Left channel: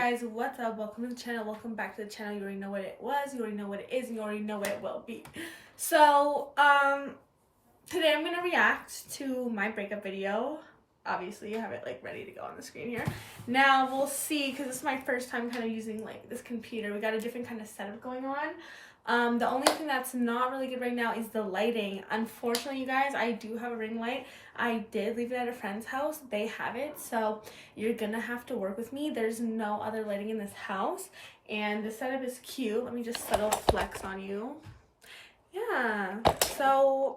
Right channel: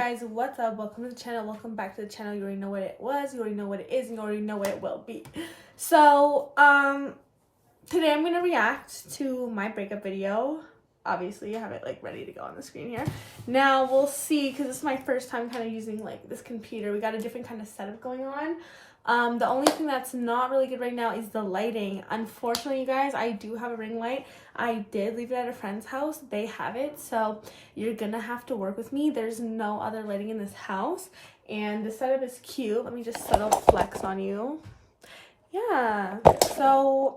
guys, what's up? Welcome to the channel. Welcome back to the channel. You already know what it was, you already know what it is, and you already know what it will be. So today I'm gonna react to my breakup video. Obviously I have it like ready to go on the screen here. Now we'll see, because this is my first time kind of using like this computer. We got a different kind of setup going on. The only thing that's not really good right now is the lighting. Unfortunately, you guys, I do have a ring light. I did leave it at a friend's house. They have it, so you're gonna have to work with me. There's no other lighting in this house, and the setup is cute. Let me just subtle flex on you. Yeah, so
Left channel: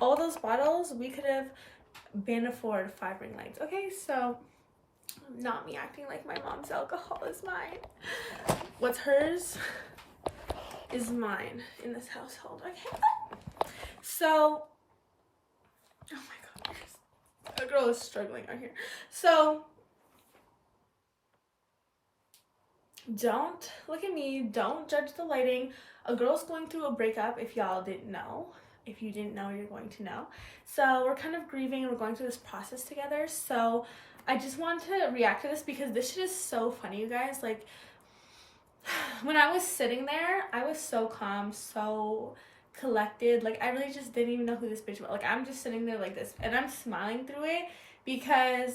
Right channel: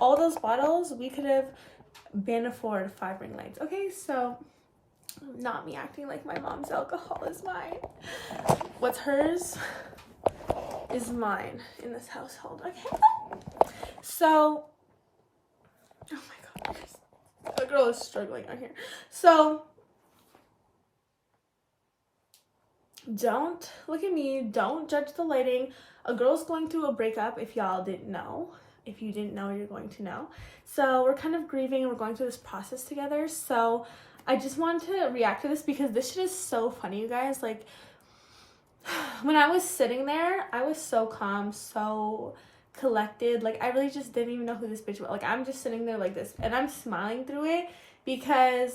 all those bottles, we could have been afford 5 ring lights. Okay, so not me acting like my mom's alcohol is mine. What's hers is mine in this household. Okay, so oh my god, the girl is struggling right here. So don't look at me, don't judge the lighting. A girl's going through a breakup, if y'all didn't know. If you didn't know, you're going to know. So we're kind of grieving and we're going through this process together. So I just wanted to react to this because this shit is so funny, you guys. Like, when I was sitting there, I was so calm, so collected. Like, I really just didn't even know who this bitch was. Like, I'm just sitting there like this, and I'm smiling through it because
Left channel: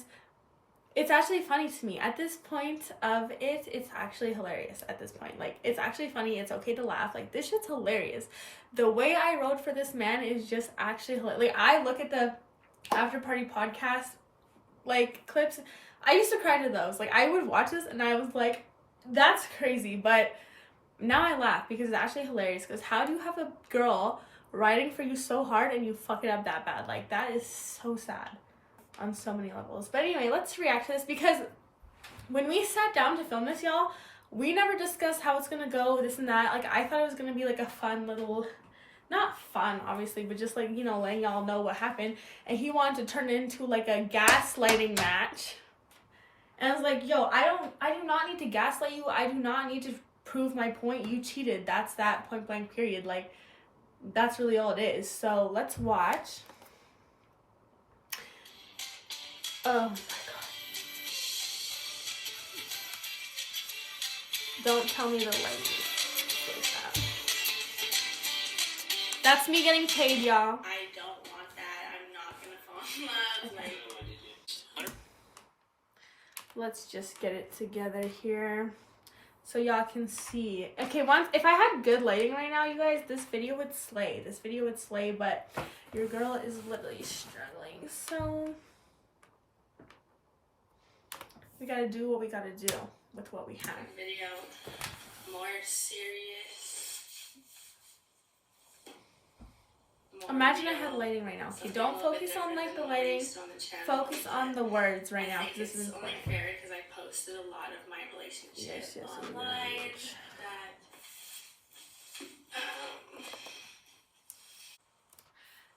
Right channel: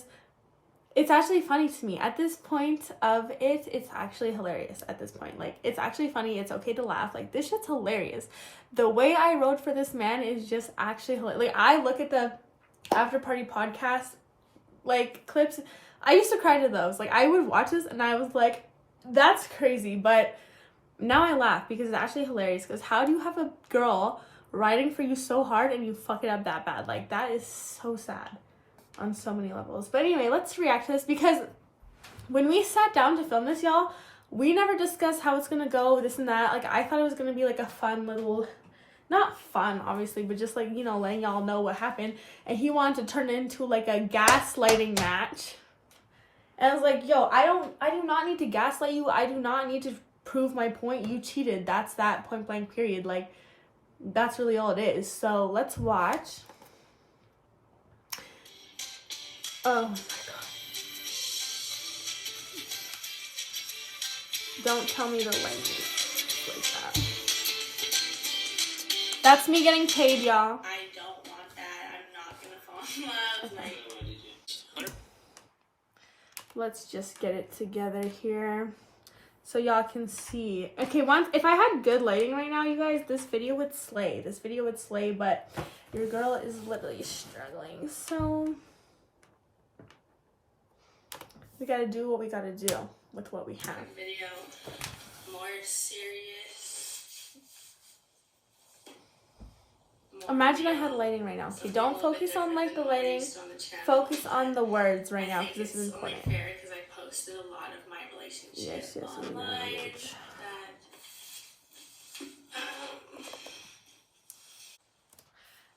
it's actually funny to me. At this point of it, it's actually hilarious at this point. Like, it's actually funny. It's okay to laugh. Like, this shit's hilarious. The way I wrote for this man is just actually hilarious. Like, I look at the after party podcast, like, clips. I used to cry to those. Like, I would watch this, and I was like, that's crazy, but now I laugh because it's actually hilarious. Because how do you have a girl writing for you so hard and you fuck it up that bad? Like, that is so sad on so many levels. But anyway, let's react to this because when we sat down to film this, y'all, we never discussed how it's gonna go, this and that. Like, I thought it was gonna be like a fun little, not fun obviously, but just like, you know, letting y'all know what happened. And he wanted to turn it into like a gaslighting match. And I was like, yo, I do not need to gaslight you. I do not need to prove my point. You cheated. That's that, point blank, period. Like, that's really all it is. So let's watch. Oh my god. Don't tell me the language like that. That's me getting paid, y'all. I don't want that. I'm not gonna fall in love. Like, let's just get it together here so y'all can see. Okay, if I had good lighting right now, you guys, this video would slay. This video would slay, but your girl is literally struggling. So we gotta do what we gotta do with what we have. video more serious. Imagine I had lighting right now. Okay, don't focus on like the lighting. Focus on the words right now. This is important. Only fair because I posted a lot of my relationships online.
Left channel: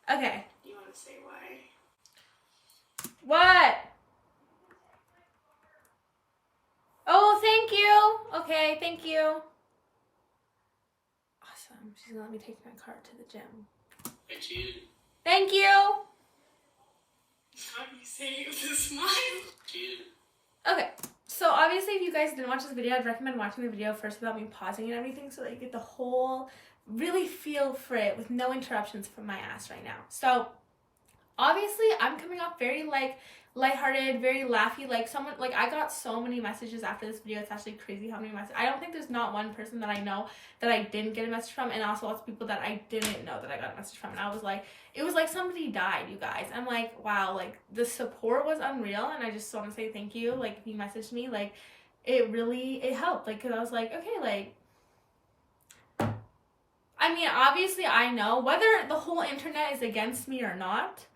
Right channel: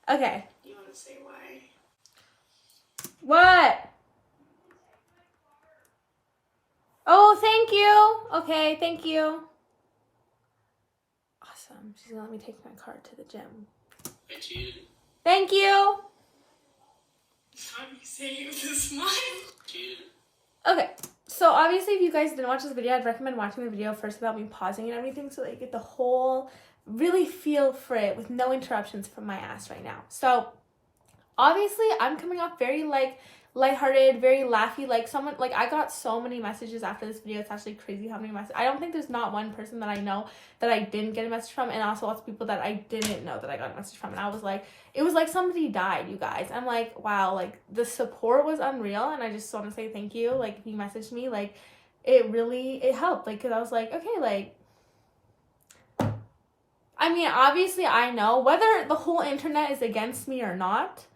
Okay. You want to say why? What? Oh, thank you. Okay, thank you. Awesome. She's gonna let me take my car to the gym. Thank you. How do you say it with a smile? Okay, so obviously if you guys didn't watch this video, I'd recommend watching the video first without me pausing and everything so that you get the whole, really feel for it with no interruptions from my ass right now. So obviously I'm coming off very like lighthearted, very laughy, like someone, like I got so many messages after this video. It's actually crazy how many messages. I don't think there's not one person that I know that I didn't get a message from, and also lots of people that I didn't know that I got a message from, and I was like, it was like somebody died, you guys. I'm like, wow, like the support was unreal, and I just want to say thank you. Like, if you messaged me, like it helped, like, because I was like, okay, like, I mean, obviously I know whether the whole internet is against me or not.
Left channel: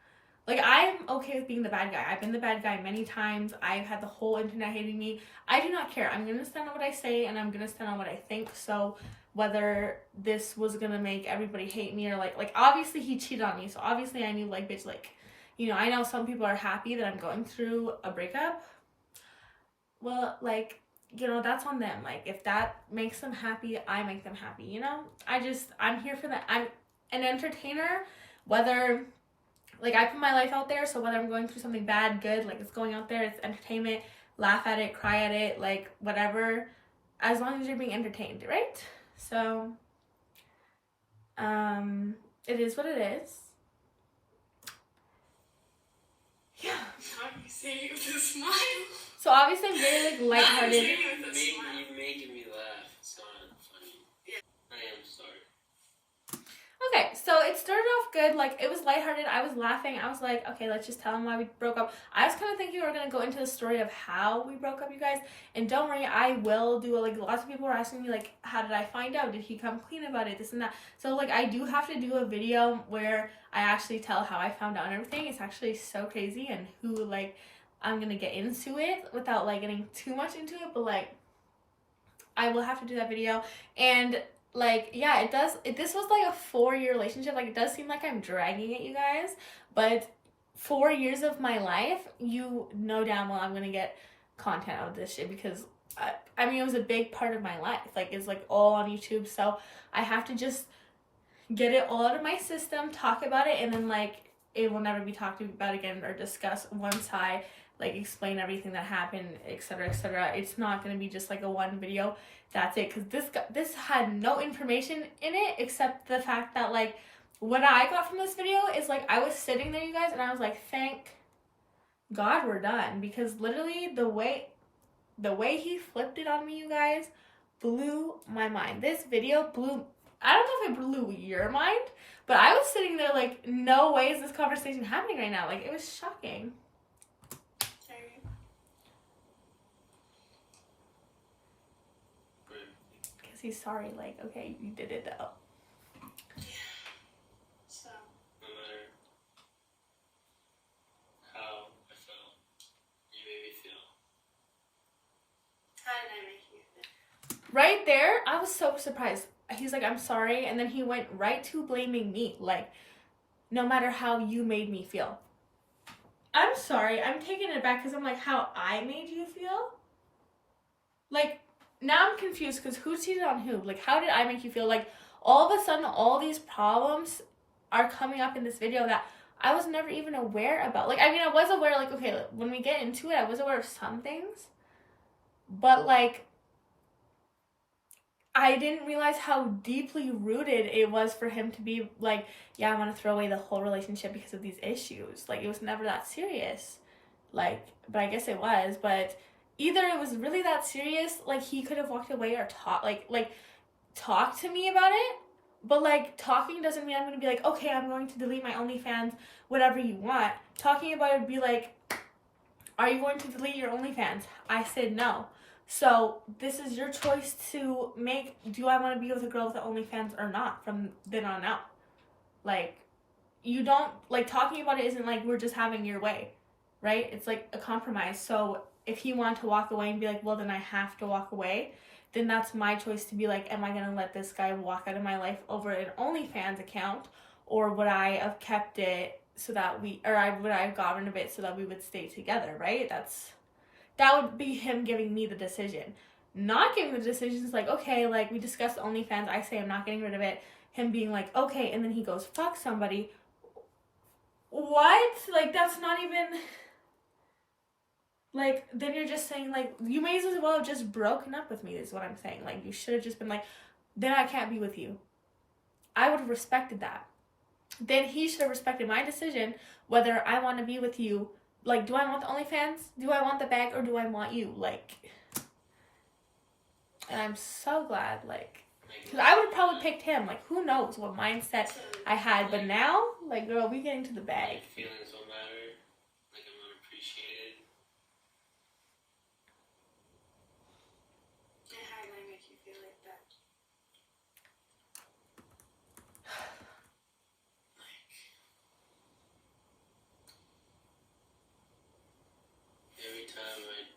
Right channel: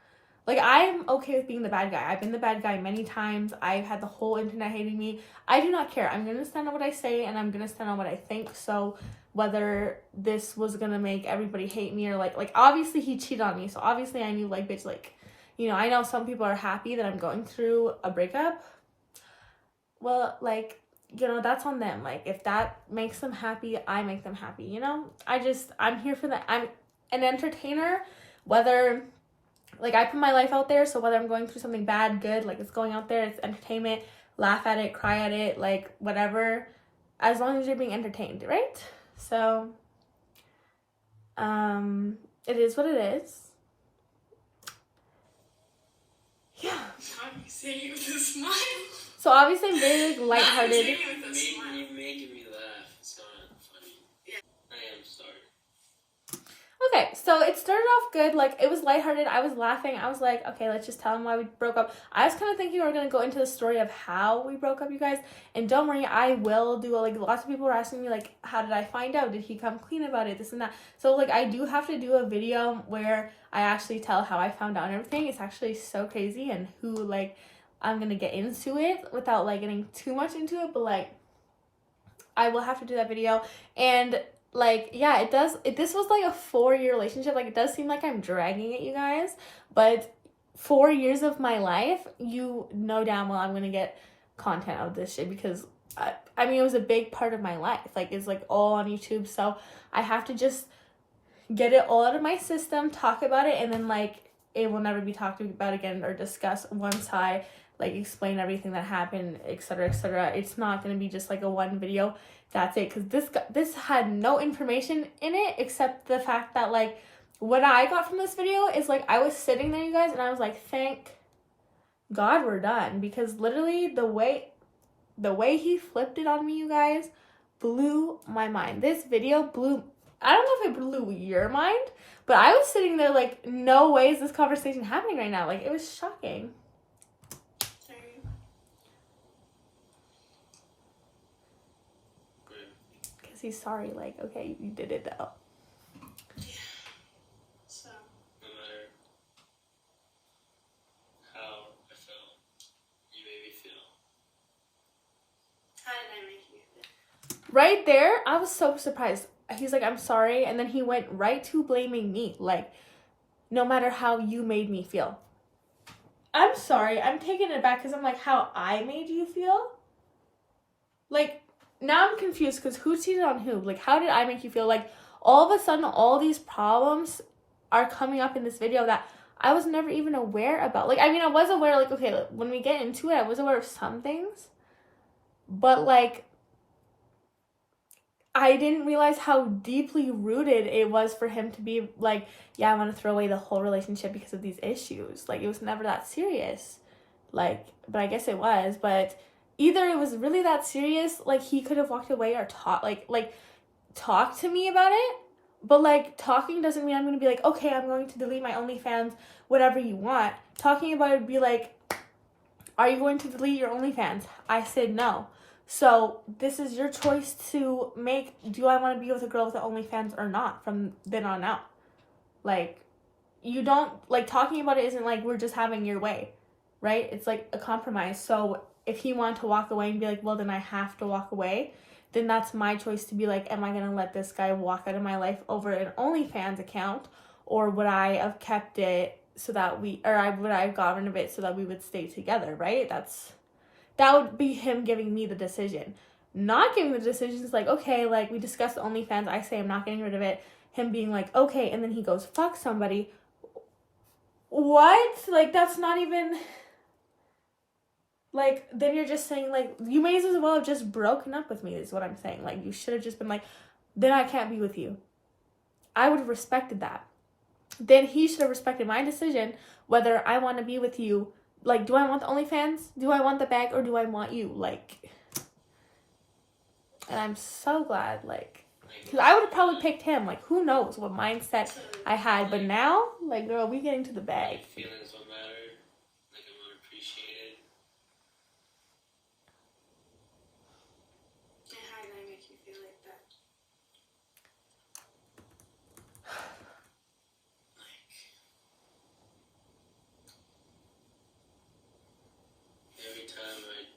Like, I'm okay with being the bad guy. I've been the bad guy many times. I've had the whole internet hating me. I do not care. I'm going to stand on what I say, and I'm going to stand on what I think. So whether this was going to make everybody hate me or, like, obviously he cheated on me. So obviously I knew, like, bitch, like, you know, I know some people are happy that I'm going through a breakup. Well, like, you know, that's on them. Like, if that makes them happy, I make them happy, you know? I'm here for that. I'm an entertainer, whether like, I put my life out there, so whether I'm going through something bad, good, like, it's going out there, it's entertainment. laugh at it, cry at it, like whatever, as long as you're being entertained, right? So it is what it is. Yeah. I'm saying it with a smile. So obviously I'm very like lighthearted. You're making me laugh. It's not funny. Yeah. I am sorry. Okay, so it started off good. Like, it was lighthearted. I was laughing. I was like, okay, let's just tell him why we broke up. I was kind of thinking we were going to go into the story of how we broke up, you guys. And don't worry, I will do, like, lots of people were asking me, like, how did I find out? Did he come clean about it? This and that. So, like, I do have to do a video where I actually tell how I found out and everything. It's actually so crazy, and who, like, I'm going to get into it without, like, getting too much into it. But, like, I will have to do that video. And like, yeah, it does. This was like a 4-year relationship. Like, it does seem like I'm dragging it, you guys. But 4 years of my life, you know damn well I'm gonna get content out of this shit because I mean, it was a big part of my life. Like, it's like all on YouTube. So I have to just get it all out of my system, talk about it, and then like it will never be talked about again or discussed once I like explain everything that happened, etc., etc. It's not gonna be just like a one video. That's it, because this had no information in it except the fact that like what I got from this video is like I was sitting there, you guys, and I was like, thank God we're done, because literally the way he flipped it on me, you guys, blew my mind. This video blew, I don't know if it blew your mind, but I was sitting there like, no way is this conversation happening right now. Like, it was shocking. He's sorry, like, okay, you did it though. Yeah. So, no matter how I felt, you made me feel. How did I make you feel? Right there, I was so surprised. He's like, I'm sorry, and then he went right to blaming me, like, no matter how you made me feel. I'm sorry, I'm taking it back because I'm like, how I made you feel? Like, now I'm confused because who cheated on who? Like, how did I make you feel? Like, all of a sudden, all these problems are coming up in this video that I was never even aware about. Like, I mean, I was aware, like, okay, like, when we get into it, I was aware of some things. But, like, I didn't realize how deeply rooted it was for him to be like, yeah, I'm going to throw away the whole relationship because of these issues. Like, it was never that serious. Like, but I guess it was, but either it was really that serious, like he could have walked away or talk to me about it, but like talking doesn't mean I'm gonna be like, okay, I'm going to delete my OnlyFans, whatever you want. Talking about it would be like, are you going to delete your OnlyFans? I said no. So this is your choice to make. Do I want to be with a girl with an OnlyFans or not from then on out? Like, you don't, like, talking about it isn't like we're just having your way, right? It's like a compromise. So if he wanted to walk away and be like, well, then I have to walk away, then that's my choice to be like, am I going to let this guy walk out of my life over an OnlyFans account, or would I have kept it so that would I have gotten rid of it so that we would stay together, right? That would be him giving me the decision. Not giving the decision is like, okay, like we discussed OnlyFans, I say I'm not getting rid of it, him being like, okay, and then he goes, fuck somebody. What? Like, that's not even... Like, then you're just saying, like, you may as well have just broken up with me, is what I'm saying. Like, you should have just been like, then I can't be with you. I would have respected that. Then he should have respected my decision, whether I want to be with you. Like, do I want the OnlyFans? Do I want the bag? Or do I want you? Like, and I'm so glad, like, because I would have probably picked him. Like, who knows what mindset I had. But now, like, girl, we get into the bag. Feelings don't matter. Like, I'm not appreciated. And how did I make you feel like that? Like, every time I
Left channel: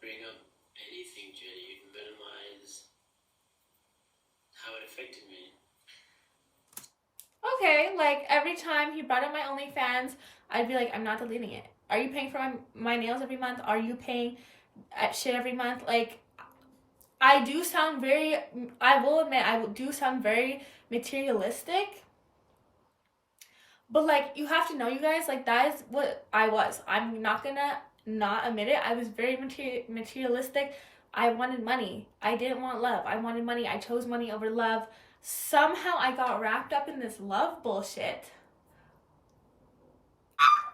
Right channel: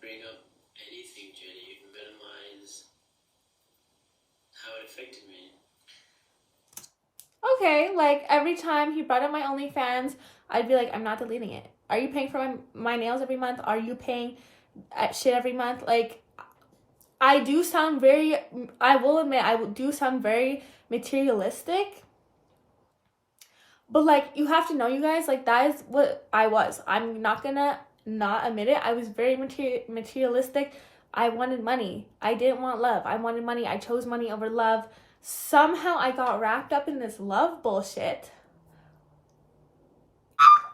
bring up anything, Jenny, you minimize how it affected me. Okay, like, every time he brought up my OnlyFans, I'd be like, I'm not deleting it. Are you paying for my nails every month? Are you paying shit every month? Like, I do sound very, I will admit, I do sound very materialistic. But, like, you have to know, you guys, like, that is what I was. I'm not gonna not admit it. I was very materialistic. I wanted money. I didn't want love. I wanted money. I chose money over love. Somehow I got wrapped up in this love bullshit.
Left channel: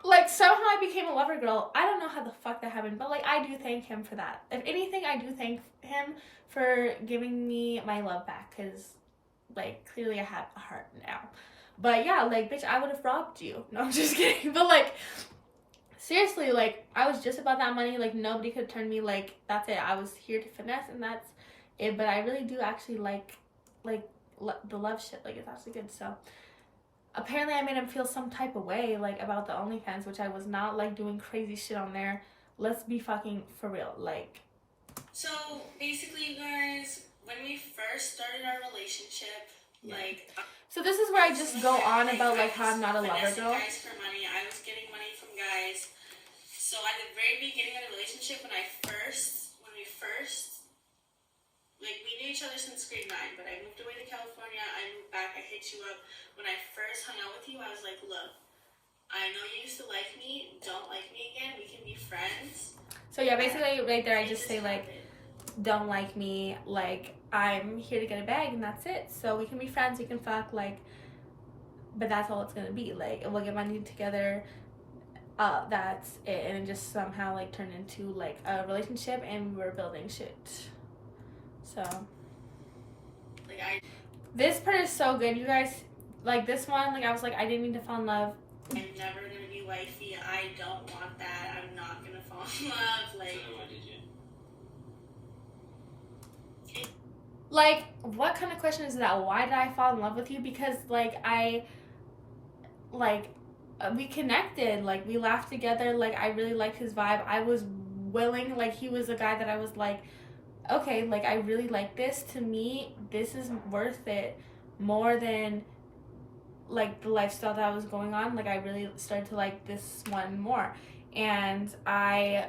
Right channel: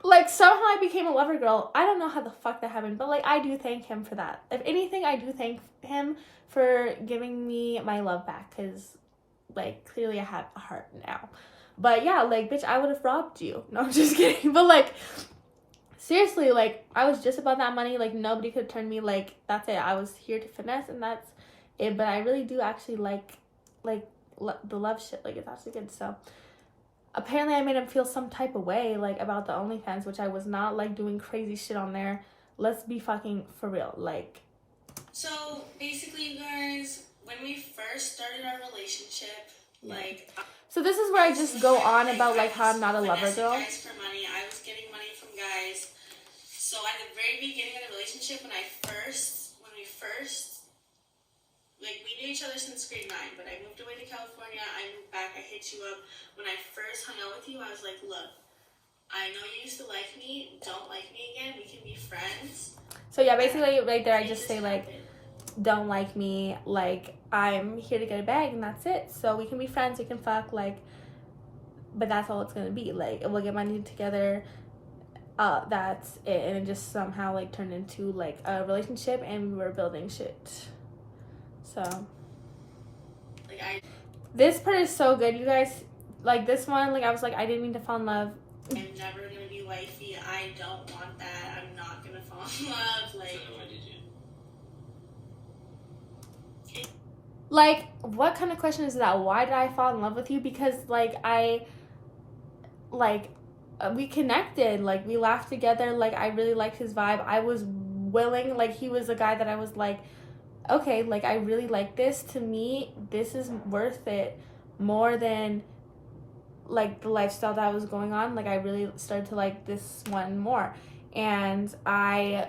Like, somehow I became a lover girl. I don't know how the fuck that happened, but, like, I do thank him for that. If anything, I do thank him for giving me my love back, because, like, clearly I have a heart now. But, yeah, like, bitch, I would have robbed you. No, I'm just kidding. But, like, seriously, like, I was just about that money. Like, nobody could turn me. Like, that's it. I was here to finesse, and that's it. But I really do actually like the love shit. Like, it's actually good, so... Apparently, I made him feel some type of way, like, about the OnlyFans, which I was not, like, doing crazy shit on there. Let's be fucking for real, like. So, basically, you guys, when we first started our relationship, like... So this is where I just go on about, like, how I'm not a lover girl. Guys for money. I was getting money from guys. So, at the very beginning of the relationship, when we first... Like, we knew each other since grade 9, but I moved away to California, I moved back, I hit you up. When I first hung out with you, I was like, look, I know you used to like me, don't like me again, we can be friends. So yeah, basically right there I just say, like, don't like me, like, I'm here to get a bag and that's it. So we can be friends, we can fuck, like, but that's all it's gonna be. Like, we'll get money together, that's it. And it just somehow, like, turned into, like, a relationship, and we were building shit. So, this part is so good, you guys. Like, this one, like, I was like, I didn't mean to fall in love. I'm never gonna be wifey. I don't want that. I'm not gonna fall in love. Like, so why did you? Like, what kind of question is that? Why did I fall in love with you? Because, like, we connected. Like, we laughed together. Like, I really liked his vibe. I was willing. Like, he was a guy that I was like, okay, like, I really like this. To me, this is worth it more than, like, the lifestyle that I was going on. Like, I really started to like this one more. And I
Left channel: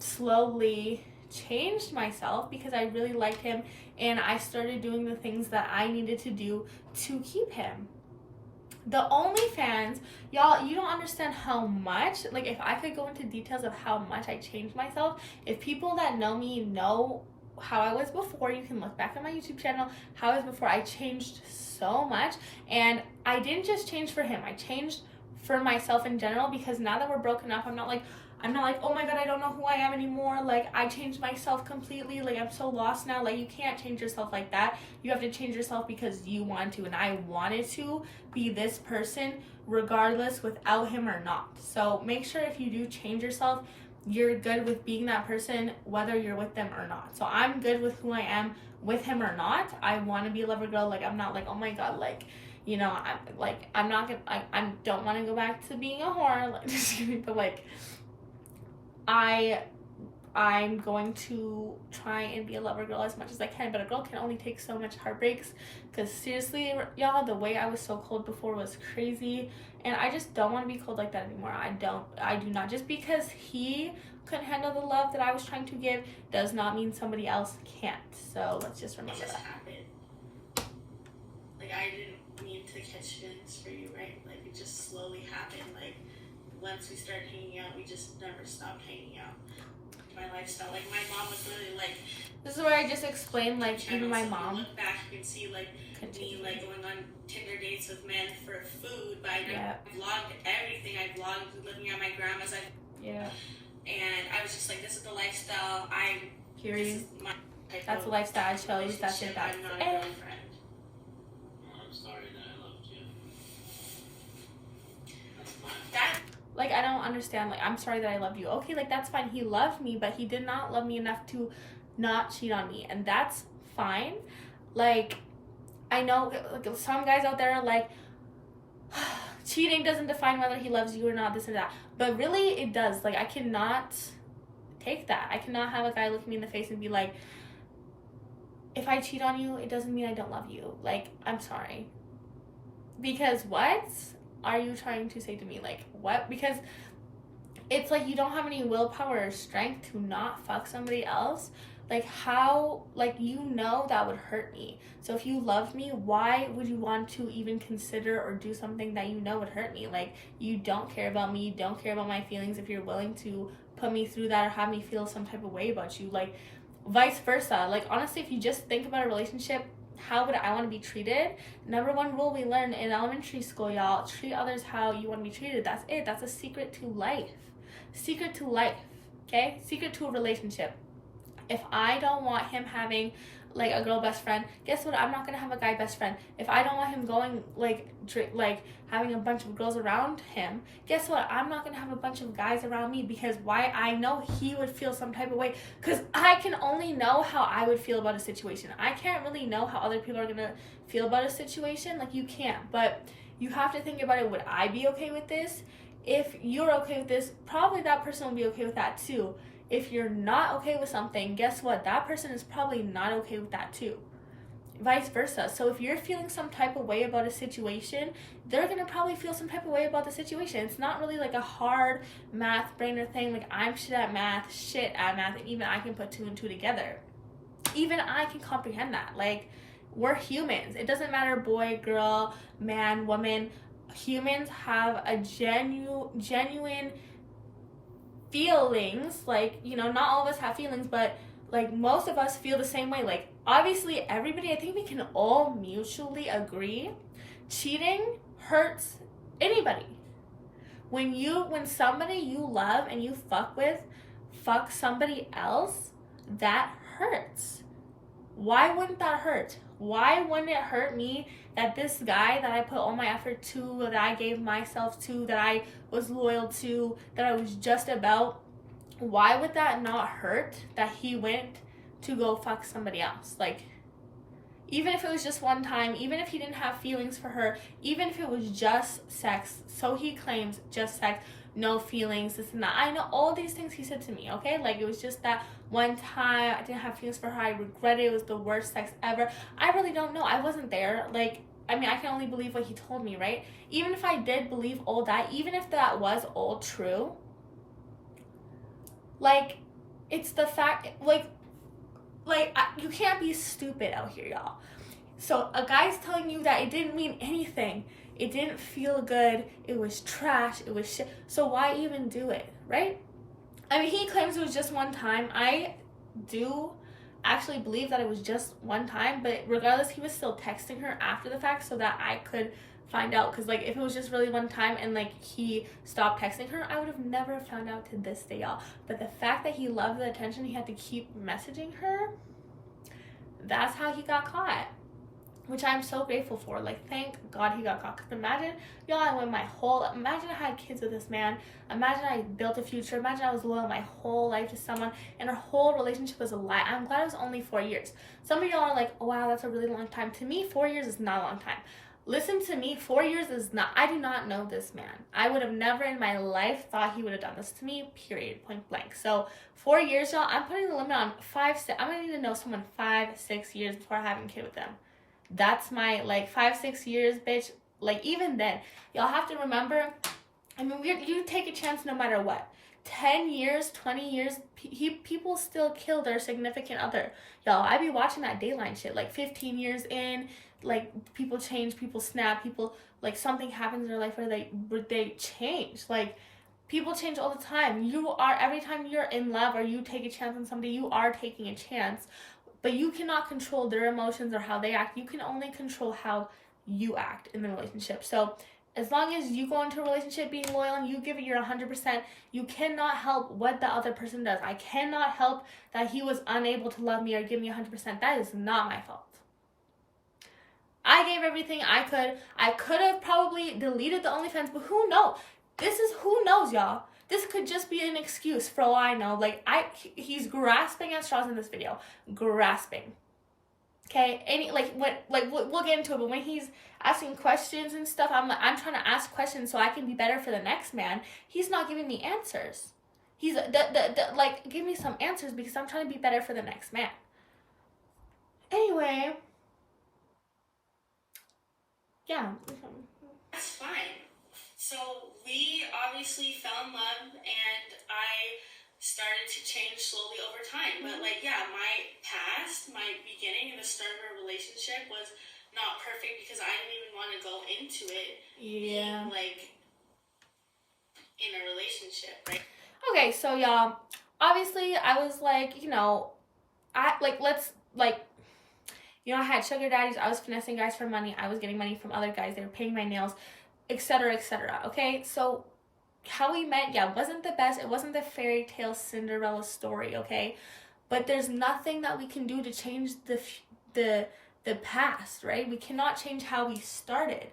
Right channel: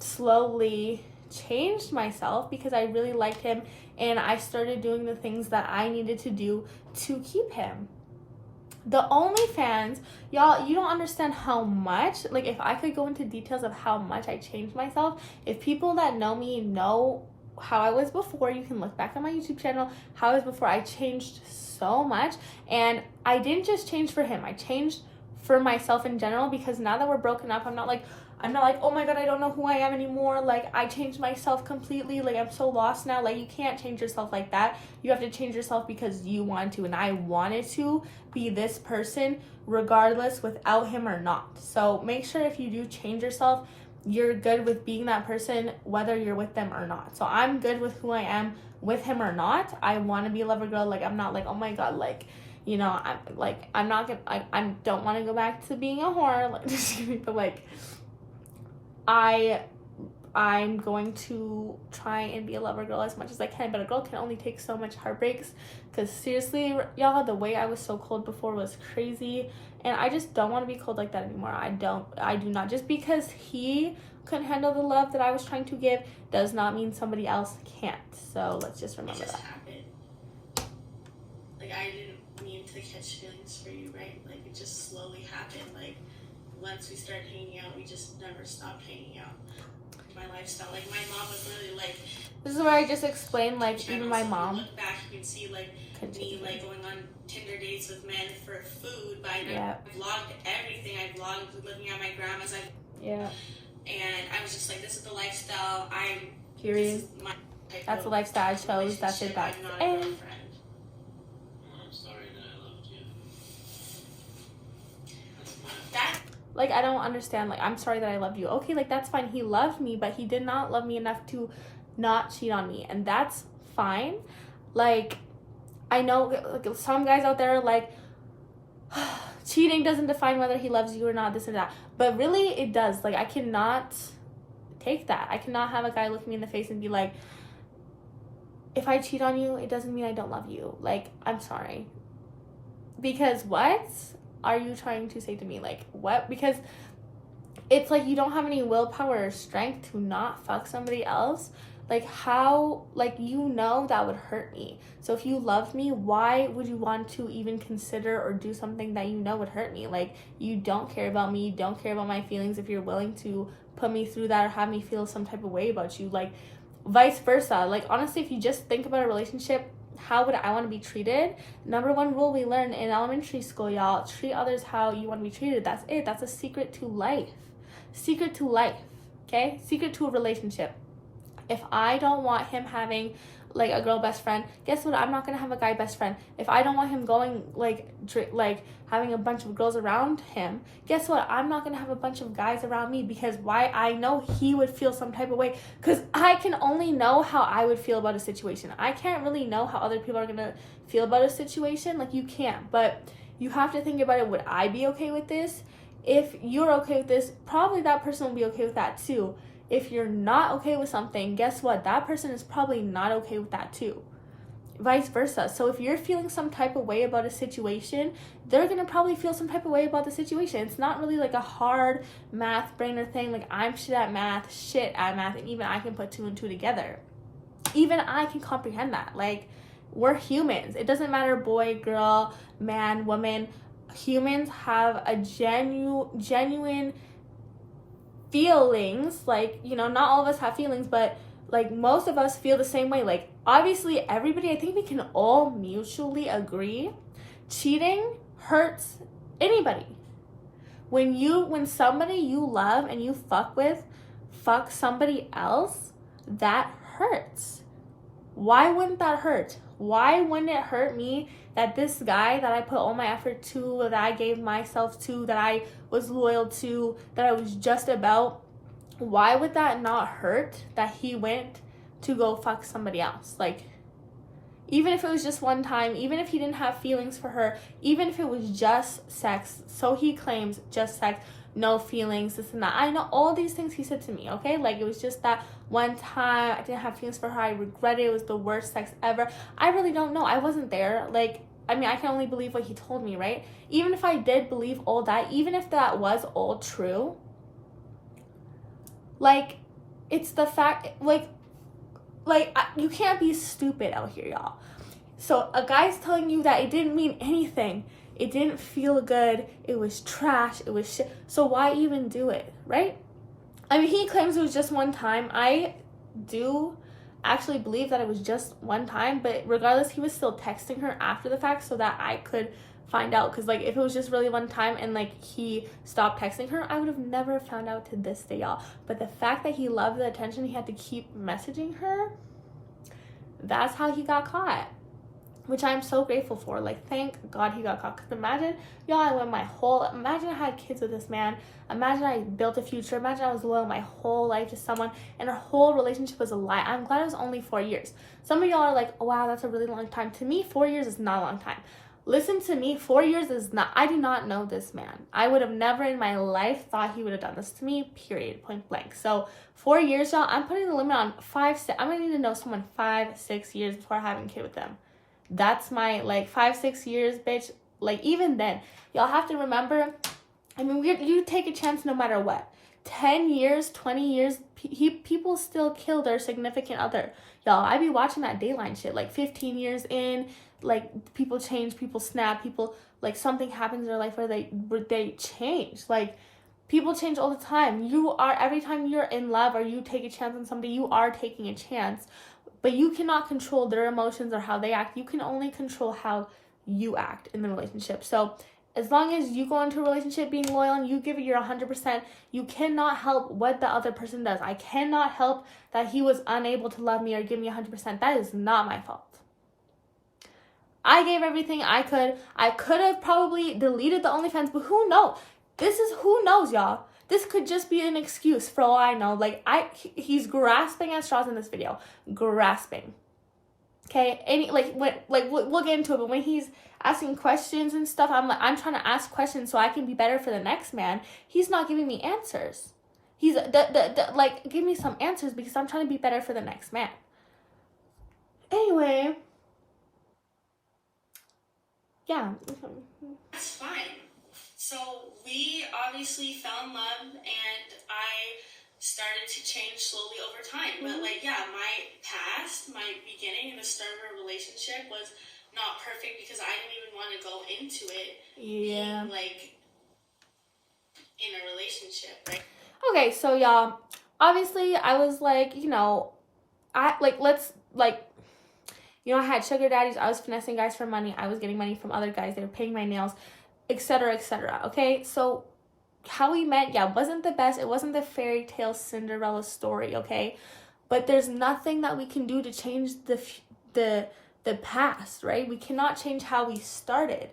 slowly changed myself because I really liked him. And I started doing the things that I needed to do to keep him. The OnlyFans, y'all, you don't understand how much, like, if I could go into details of how much I changed myself, if people that know me know how I was before, you can look back on my YouTube channel, how I was before. I changed so much, and I didn't just change for him, I changed for myself in general, because now that we're broken up, I'm not like, oh my god, I don't know who I am anymore. Like, I changed myself completely. Like, I'm so lost now. Like, you can't change yourself like that. You have to change yourself because you want to, and I wanted to be this person regardless, without him or not. So make sure if you do change yourself, you're good with being that person whether you're with them or not. So I'm good with who I am with him or not. I want to be a lover girl. Like, I'm not like, oh my god, like, you know, I'm not gonna, I don't want to go back to being a whore. Like, just kidding, but like, I'm going to try and be a lover girl as much as I can, but a girl can only take so much heartbreaks, because seriously, y'all, the way I was so cold before was crazy, and I just don't want to be cold like that anymore. I do not. Just because he couldn't handle the love that I was trying to give does not mean somebody else can't. So let's just remember that. Happened. Like, I didn't mean to catch feelings for you, right? Like, it just slowly happened. Like, once we started hanging out, we just never stopped hanging out. My lifestyle, like, my mom was literally like, this is where I just explained, like, even my mom. If you look back, you can see, like, me, like, going on Tinder dates with men for food, but I vlogged everything. I vlogged living at my grandma's. And I was just like, this is the lifestyle. Period. That's the lifestyle I chose. That's it. I'm not a girlfriend. I'm sorry that I loved you. Like, I don't understand. Like, I'm sorry that I loved you. Okay, like, that's fine. He loved me, but he did not love me enough to not cheat on me. And that's fine. Like, I know, like, some guys out there are like, cheating doesn't define whether he loves you or not, this and that. But really, it does. Like, I cannot take that. I cannot have a guy look me in the face and be like, if I cheat on you, it doesn't mean I don't love you. Like, I'm sorry. Because what are you trying to say to me? Like, what? Because it's like you don't have any willpower or strength to not fuck somebody else. Like, how, like, you know that would hurt me. So if you loved me, why would you want to even consider or do something that you know would hurt me? Like, you don't care about me, you don't care about my feelings if you're willing to put me through that or have me feel some type of way about you. Like, vice versa. Like, honestly, if you just think about a relationship, how would I want to be treated? Number one rule we learned in elementary school, y'all: treat others how you want to be treated. That's it. That's a secret to life. Secret to life. Okay? Secret to a relationship. If I don't want him having like a girl best friend, guess what? I'm not gonna have a guy best friend. If I don't want him going like having a bunch of girls around him, guess what? I'm not gonna have a bunch of guys around me, because why? I know he would feel some type of way, because I can only know how I would feel about a situation. I can't really know how other people are gonna feel about a situation. Like, you can't, but you have to think about it. Would I be okay with this? If you're okay with this, probably that person will be okay with that too. If you're not okay with something, guess what? That person is probably not okay with that too. Vice versa. So if you're feeling some type of way about a situation, they're going to probably feel some type of way about the situation. It's not really like a hard math brainer thing. Like, I'm shit at math, and even I can put two and two together. Even I can comprehend that. Like, we're humans. It doesn't matter boy, girl, man, woman. Humans have a genuine feelings. Like, you know, not all of us have feelings, but like most of us feel the same way. Like, obviously everybody, I think we can all mutually agree, cheating hurts anybody. When somebody you love and you fuck with fuck somebody else, that hurts. Why wouldn't that hurt? Why wouldn't it hurt me that this guy that I put all my effort to, that I gave myself to, that I was loyal to, that I was just about, why would that not hurt that he went to go fuck somebody else? Like, even if it was just one time, even if he didn't have feelings for her, even if it was just sex, so he claims just sex, no feelings, this and that. I know all these things he said to me, okay? Like, it was just that one time, I didn't have feelings for her, I regret it, it was the worst sex ever. I really don't know, I wasn't there. Like, I mean, I can only believe what he told me, right? Even if I did believe all that, even if that was all true, like, it's the fact, you can't be stupid out here, y'all. So a guy's telling you that it didn't mean anything, it didn't feel good, it was trash, it was shit, so why even do it, right? I mean, he claims it was just one time. I do actually believe that it was just one time, but regardless, he was still texting her after the fact so that I could find out, because like, if it was just really one time and like he stopped texting her, I would have never found out to this day, y'all. But the fact that he loved the attention, he had to keep messaging her, that's how he got caught, which I'm so grateful for. Like, thank God he got caught. Because imagine, y'all, imagine I had kids with this man, imagine I built a future, imagine I was loyal my whole life to someone and our whole relationship was a lie. I'm glad it was only 4 years. Some of y'all are like, oh, wow, that's a really long time. To me, 4 years is not a long time. Listen to me, 4 years is not, I do not know this man. I would have never in my life thought he would have done this to me, period, point blank. So 4 years, y'all, I'm putting the limit on 5, 6, I'm gonna need to know someone 5, 6 years before having a kid with them. That's my, like, 5, 6 years, bitch. Like, even then, y'all have to remember, I mean, you take a chance no matter what. 10 years, 20 years, people still kill their significant other. Y'all, I be watching that Dateline shit, like, 15 years in, like, people change, people snap, people, like, something happens in their life where they change. Like, people change all the time. Every time you're in love or you take a chance on somebody, you are taking a chance. But you cannot control their emotions or how they act. You can only control how you act in the relationship. So as long as you go into a relationship being loyal and you give it your 100%, you cannot help what the other person does. I cannot help that he was unable to love me or give me 100%. That is not my fault. I gave everything I could. I could have probably deleted the OnlyFans, but who knows? Who knows, y'all? This could just be an excuse for all I know. Like, he's grasping at straws in this video. Grasping. Okay? We'll get into it, but when he's asking questions and stuff, I'm trying to ask questions so I can be better for the next man. He's not giving me answers. He's, give me some answers because I'm trying to be better for the next man. Anyway. Yeah. That's fine. So we obviously fell in love and I started to change slowly over time. But my past, my beginning and the start of our relationship was not perfect because I didn't even want to go into it being in a relationship, right? Okay, so y'all, obviously I was like, I had sugar daddies, I was finessing guys for money, I was getting money from other guys, they were paying my nails, etc., etc. Okay, so how we met, yeah, wasn't the best. It wasn't the fairy tale Cinderella story, okay? But there's nothing that we can do to change the past, right? We cannot change how we started.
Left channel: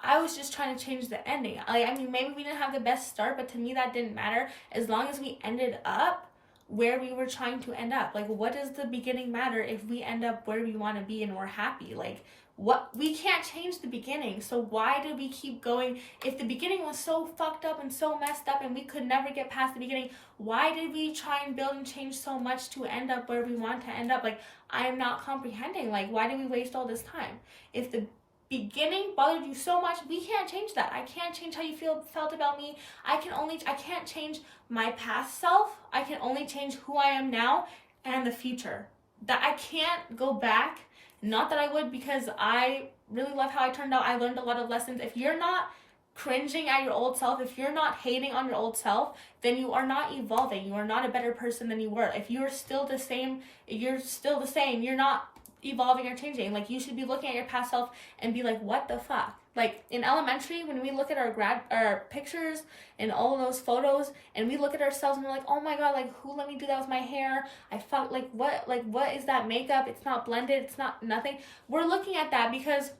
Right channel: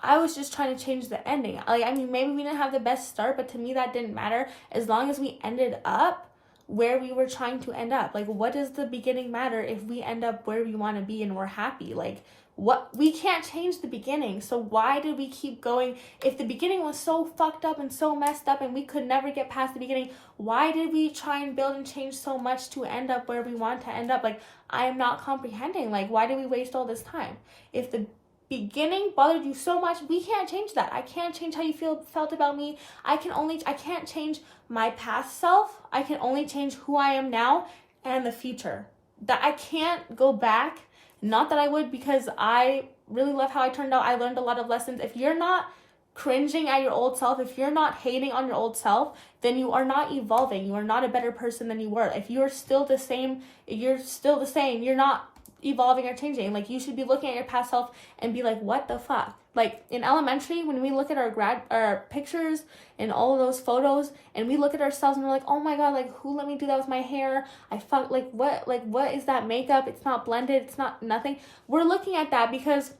I was just trying to change the ending. Like, I mean, maybe we didn't have the best start, but to me that didn't matter as long as we ended up where we were trying to end up. Like, what does the beginning matter if we end up where we want to be and we're happy? Like, what, we can't change the beginning, so why did we keep going? If the beginning was so fucked up and so messed up and we could never get past the beginning, why did we try and build and change so much to end up where we want to end up? Like, I'm not comprehending. Like, why did we waste all this time? If the beginning bothered you so much, we can't change that. I can't change how you felt about me. I can't change my past self. I can only change who I am now and the future. That I can't go back. Not that I would, because I really love how I turned out. I learned a lot of lessons. If you're not cringing at your old self, if you're not hating on your old self, then you are not evolving. You are not a better person than you were. If you're still the same, you're still the same. You're not evolving or changing. Like, you should be looking at your past self and be like, what the fuck? Like, in elementary, when we look at our pictures and all of those photos, and we look at ourselves and we're like, oh my god, like, who let me do that with my hair? I felt like, what is that makeup? It's not blended, it's not nothing. We're looking at that because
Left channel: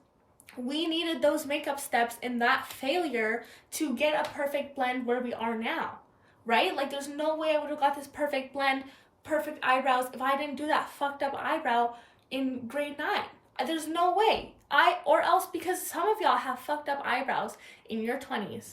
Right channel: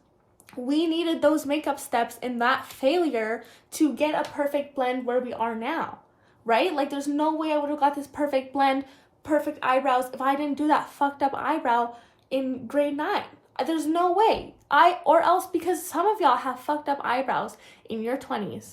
we needed those makeup steps and that failure to get a perfect blend where we are now, right? Like, there's no way I would have got this perfect blend, perfect eyebrows if I didn't do that fucked up eyebrow in grade 9. There's no way. Or else, because some of y'all have fucked up eyebrows in your 20s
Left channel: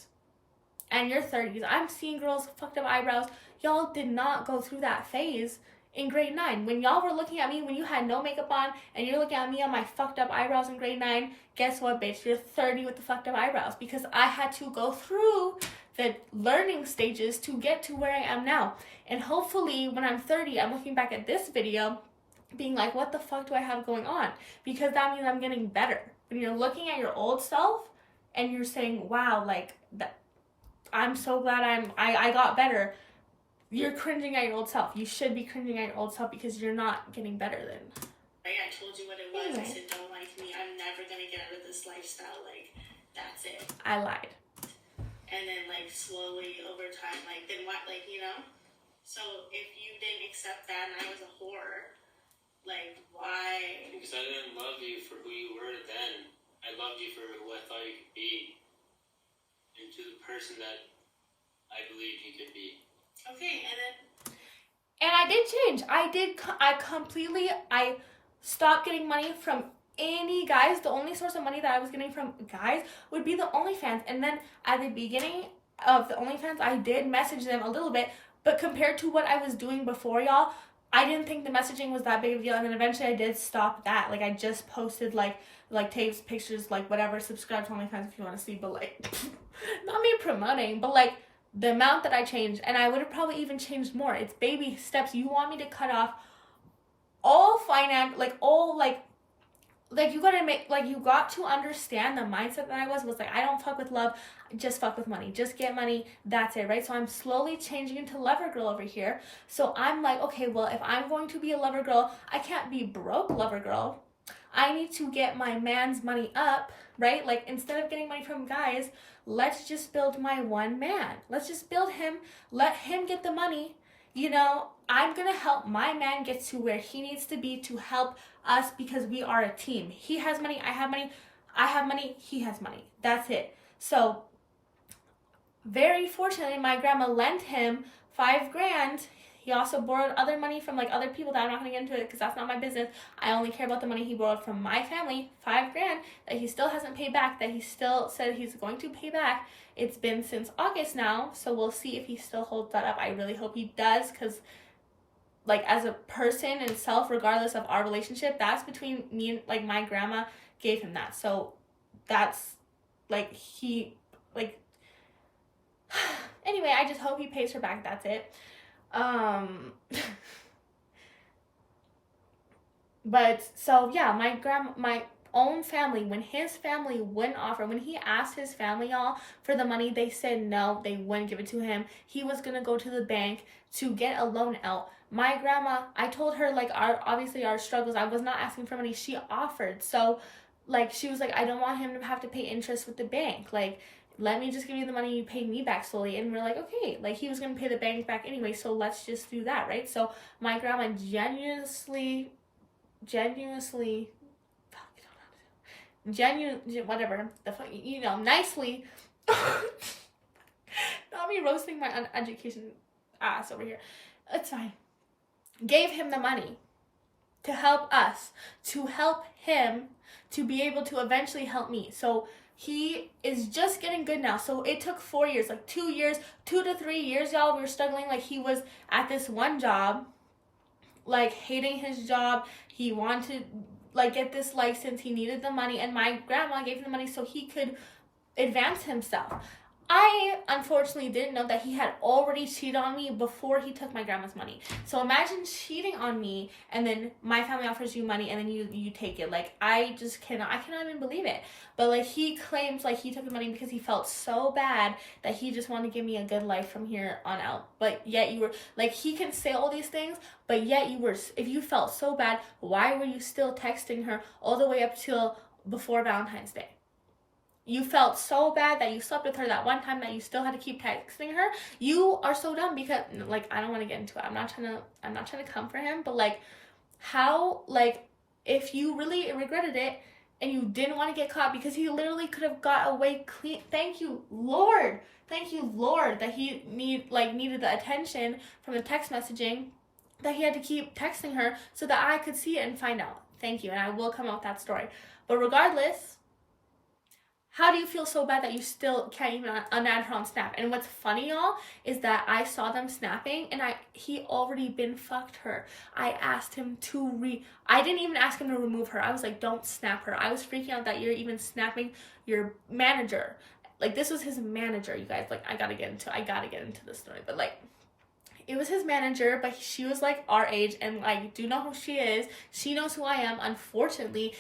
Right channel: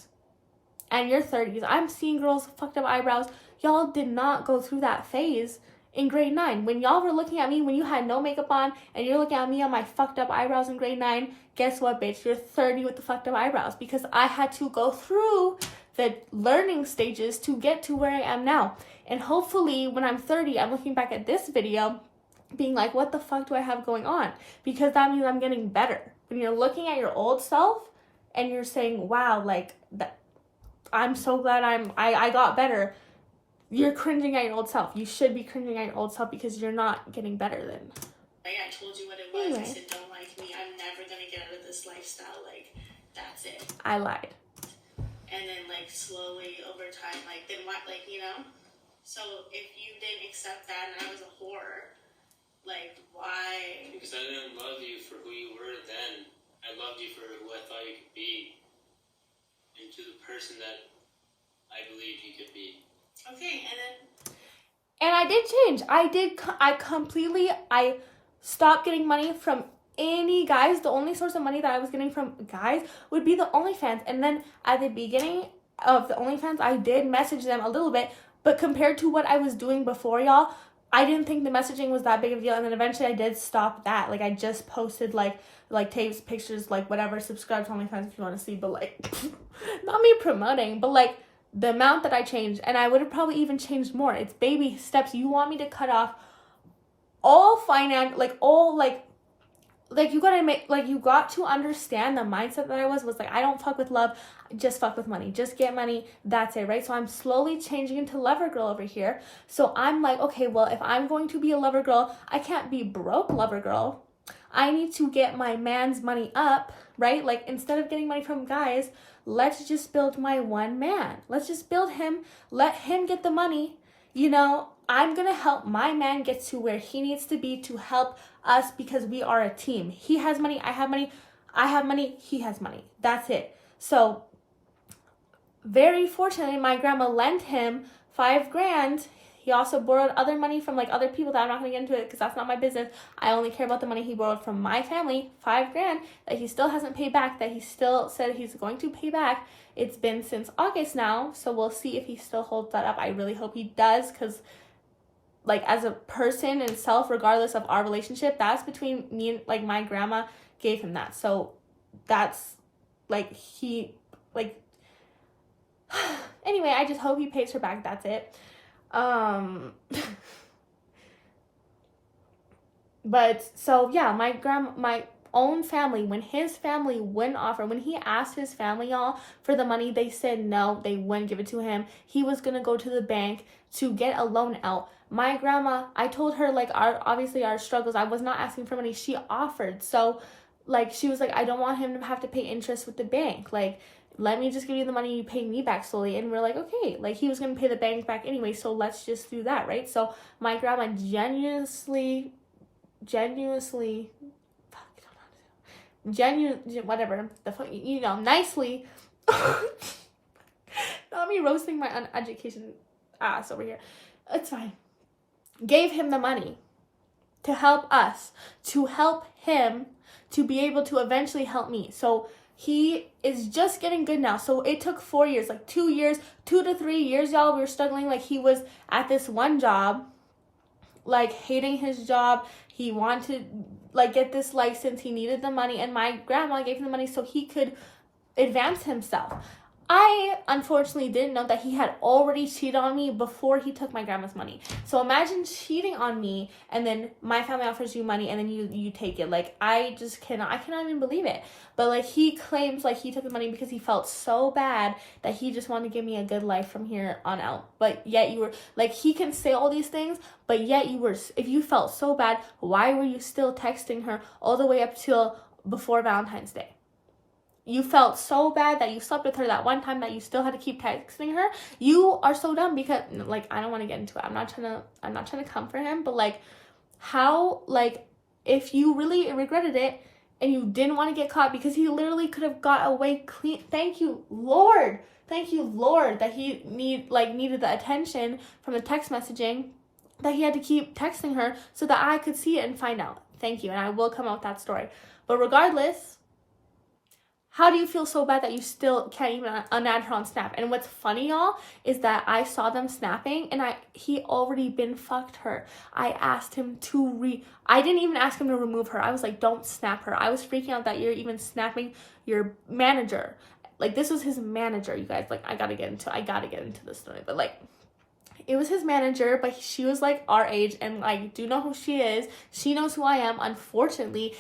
and your 30s. I'm seeing girls with fucked up eyebrows. Y'all did not go through that phase in grade 9. When y'all were looking at me when you had no makeup on and you're looking at me on my fucked up eyebrows in grade 9, guess what, bitch? You're 30 with the fucked up eyebrows, because I had to go through the learning stages to get to where I am now. And hopefully when I'm 30, I'm looking back at this video being like, what the fuck do I have going on? Because that means I'm getting better. When you're looking at your old self and you're saying, wow, like, that, I'm so glad I got better, you're cringing at your old self. You should be cringing at your old self because you're not getting better then. Right, I told you what it was. I said, don't like me. I'm never going to get out of this lifestyle. Like, that's it. I lied. And then, like, slowly over time, like, then what, like, you know? So if you didn't accept that and I was a whore, like, why? Because I didn't love you for who you were then. I loved you for who I thought you could be. And to the person that I believed you could be. Okay, and then... And I did change. I stopped getting money from any guys. The only source of money that I was getting from guys would be the OnlyFans. And then at the beginning of the OnlyFans, I did message them a little bit. But compared to what I was doing before, y'all, I didn't think the messaging was that big of a deal. And then eventually I did stop that. Like, I just posted, like tapes, pictures, like, whatever. Subscribe to OnlyFans if you want to see. But, like, not me promoting, but, like, the amount that I changed. And I would have probably even changed more. It's baby steps. You want me to cut off all finance, like, all, like, you gotta make, like, you got to understand the mindset that I was like, I don't fuck with love, just fuck with money. Just get money, that's it, right? So I'm slowly changing into lover girl over here. So I'm like, okay, well, if I'm going to be a lover girl, I can't be broke lover girl. I need to get my man's money up, right? Like, instead of getting money from guys, let's just build my one man. Let's just build him, let him get the money. You know, I'm gonna help my man get to where he needs to be to help us, because we are a team. He has money, I have money, I have money, he has money. That's it. So, very fortunately, my grandma lent him $5,000. He also borrowed other money from, like, other people that I'm not going to get into it because that's not my business. I only care about the money he borrowed from my family, $5,000, that he still hasn't paid back, that he still said he's going to pay back. It's been since August now, so we'll see if he still holds that up. I really hope he does, because, like, as a person and self, regardless of our relationship, that's between me and, like, my grandma gave him that. So that's, like, he, like, anyway, I just hope he pays her back. That's it. But so yeah, my own family, when his family wouldn't offer, when he asked his family, y'all, for the money, they said no, they wouldn't give it to him. He was gonna go to the bank to get a loan out. My grandma, I told her, like, obviously our struggles, I was not asking for money, she offered. So, like, she was like, I don't want him to have to pay interest with the bank. Like, let me just give you the money, you pay me back slowly. And we're like, okay. Like, he was going to pay the bank back anyway, so let's just do that, right? So, my grandma genuinely, whatever, nicely, not me roasting my uneducation ass over here. It's fine. Gave him the money to help us, to help him to be able to eventually help me. So he is just getting good now. So it took 4 years, like 2 years, 2 to 3 years, y'all. We were struggling. Like, he was at this one job, like, hating his job. He wanted to, like, get this license. He needed the money, and my grandma gave him the money so he could advance himself. I unfortunately didn't know that he had already cheated on me before he took my grandma's money. So imagine cheating on me, and then my family offers you money, and then you take it. Like, I cannot even believe it. But, like, he claims, like, he took the money because he felt so bad that he just wanted to give me a good life from here on out. But yet you were, like, he can say all these things, but yet if you felt so bad, why were you still texting her all the way up till before Valentine's Day? You felt so bad that you slept with her that one time that you still had to keep texting her. You are so dumb because, like, I don't want to get into it. I'm not trying to come for him, but, like, how, like, if you really regretted it and you didn't want to get caught, because he literally could have got away clean. Thank you, Lord, that he needed the attention from the text messaging, that he had to keep texting her so that I could see it and find out. Thank you, and I will come out with that story. But regardless, how do you feel so bad that you still can't even unadd her on Snap? And what's funny, y'all, is that I saw them snapping, and he already been fucked her. I asked him I didn't even ask him to remove her. I was like, don't snap her. I was freaking out that you're even snapping your manager. Like, this was his manager, you guys. Like, I gotta get into this story. But, like, it was his manager, but she was, like, our age, and I do know who she is. She knows who I am. Unfortunately,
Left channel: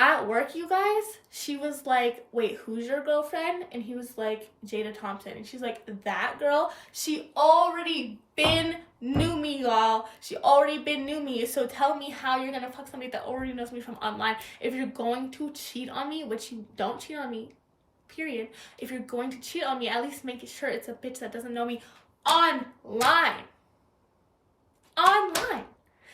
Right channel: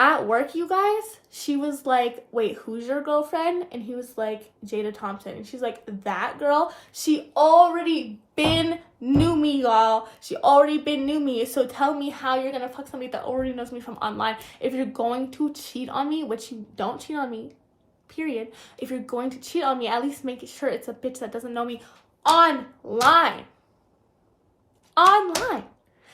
at work, you guys, she was like, wait, who's your girlfriend? And he was like, Jada Thompson. And she's like, that girl? She already been knew me, y'all. She already been knew me. So tell me how you're gonna fuck somebody that already knows me from online. If you're going to cheat on me, which you don't cheat on me, period. If you're going to cheat on me, at least make sure it's a bitch that doesn't know me online.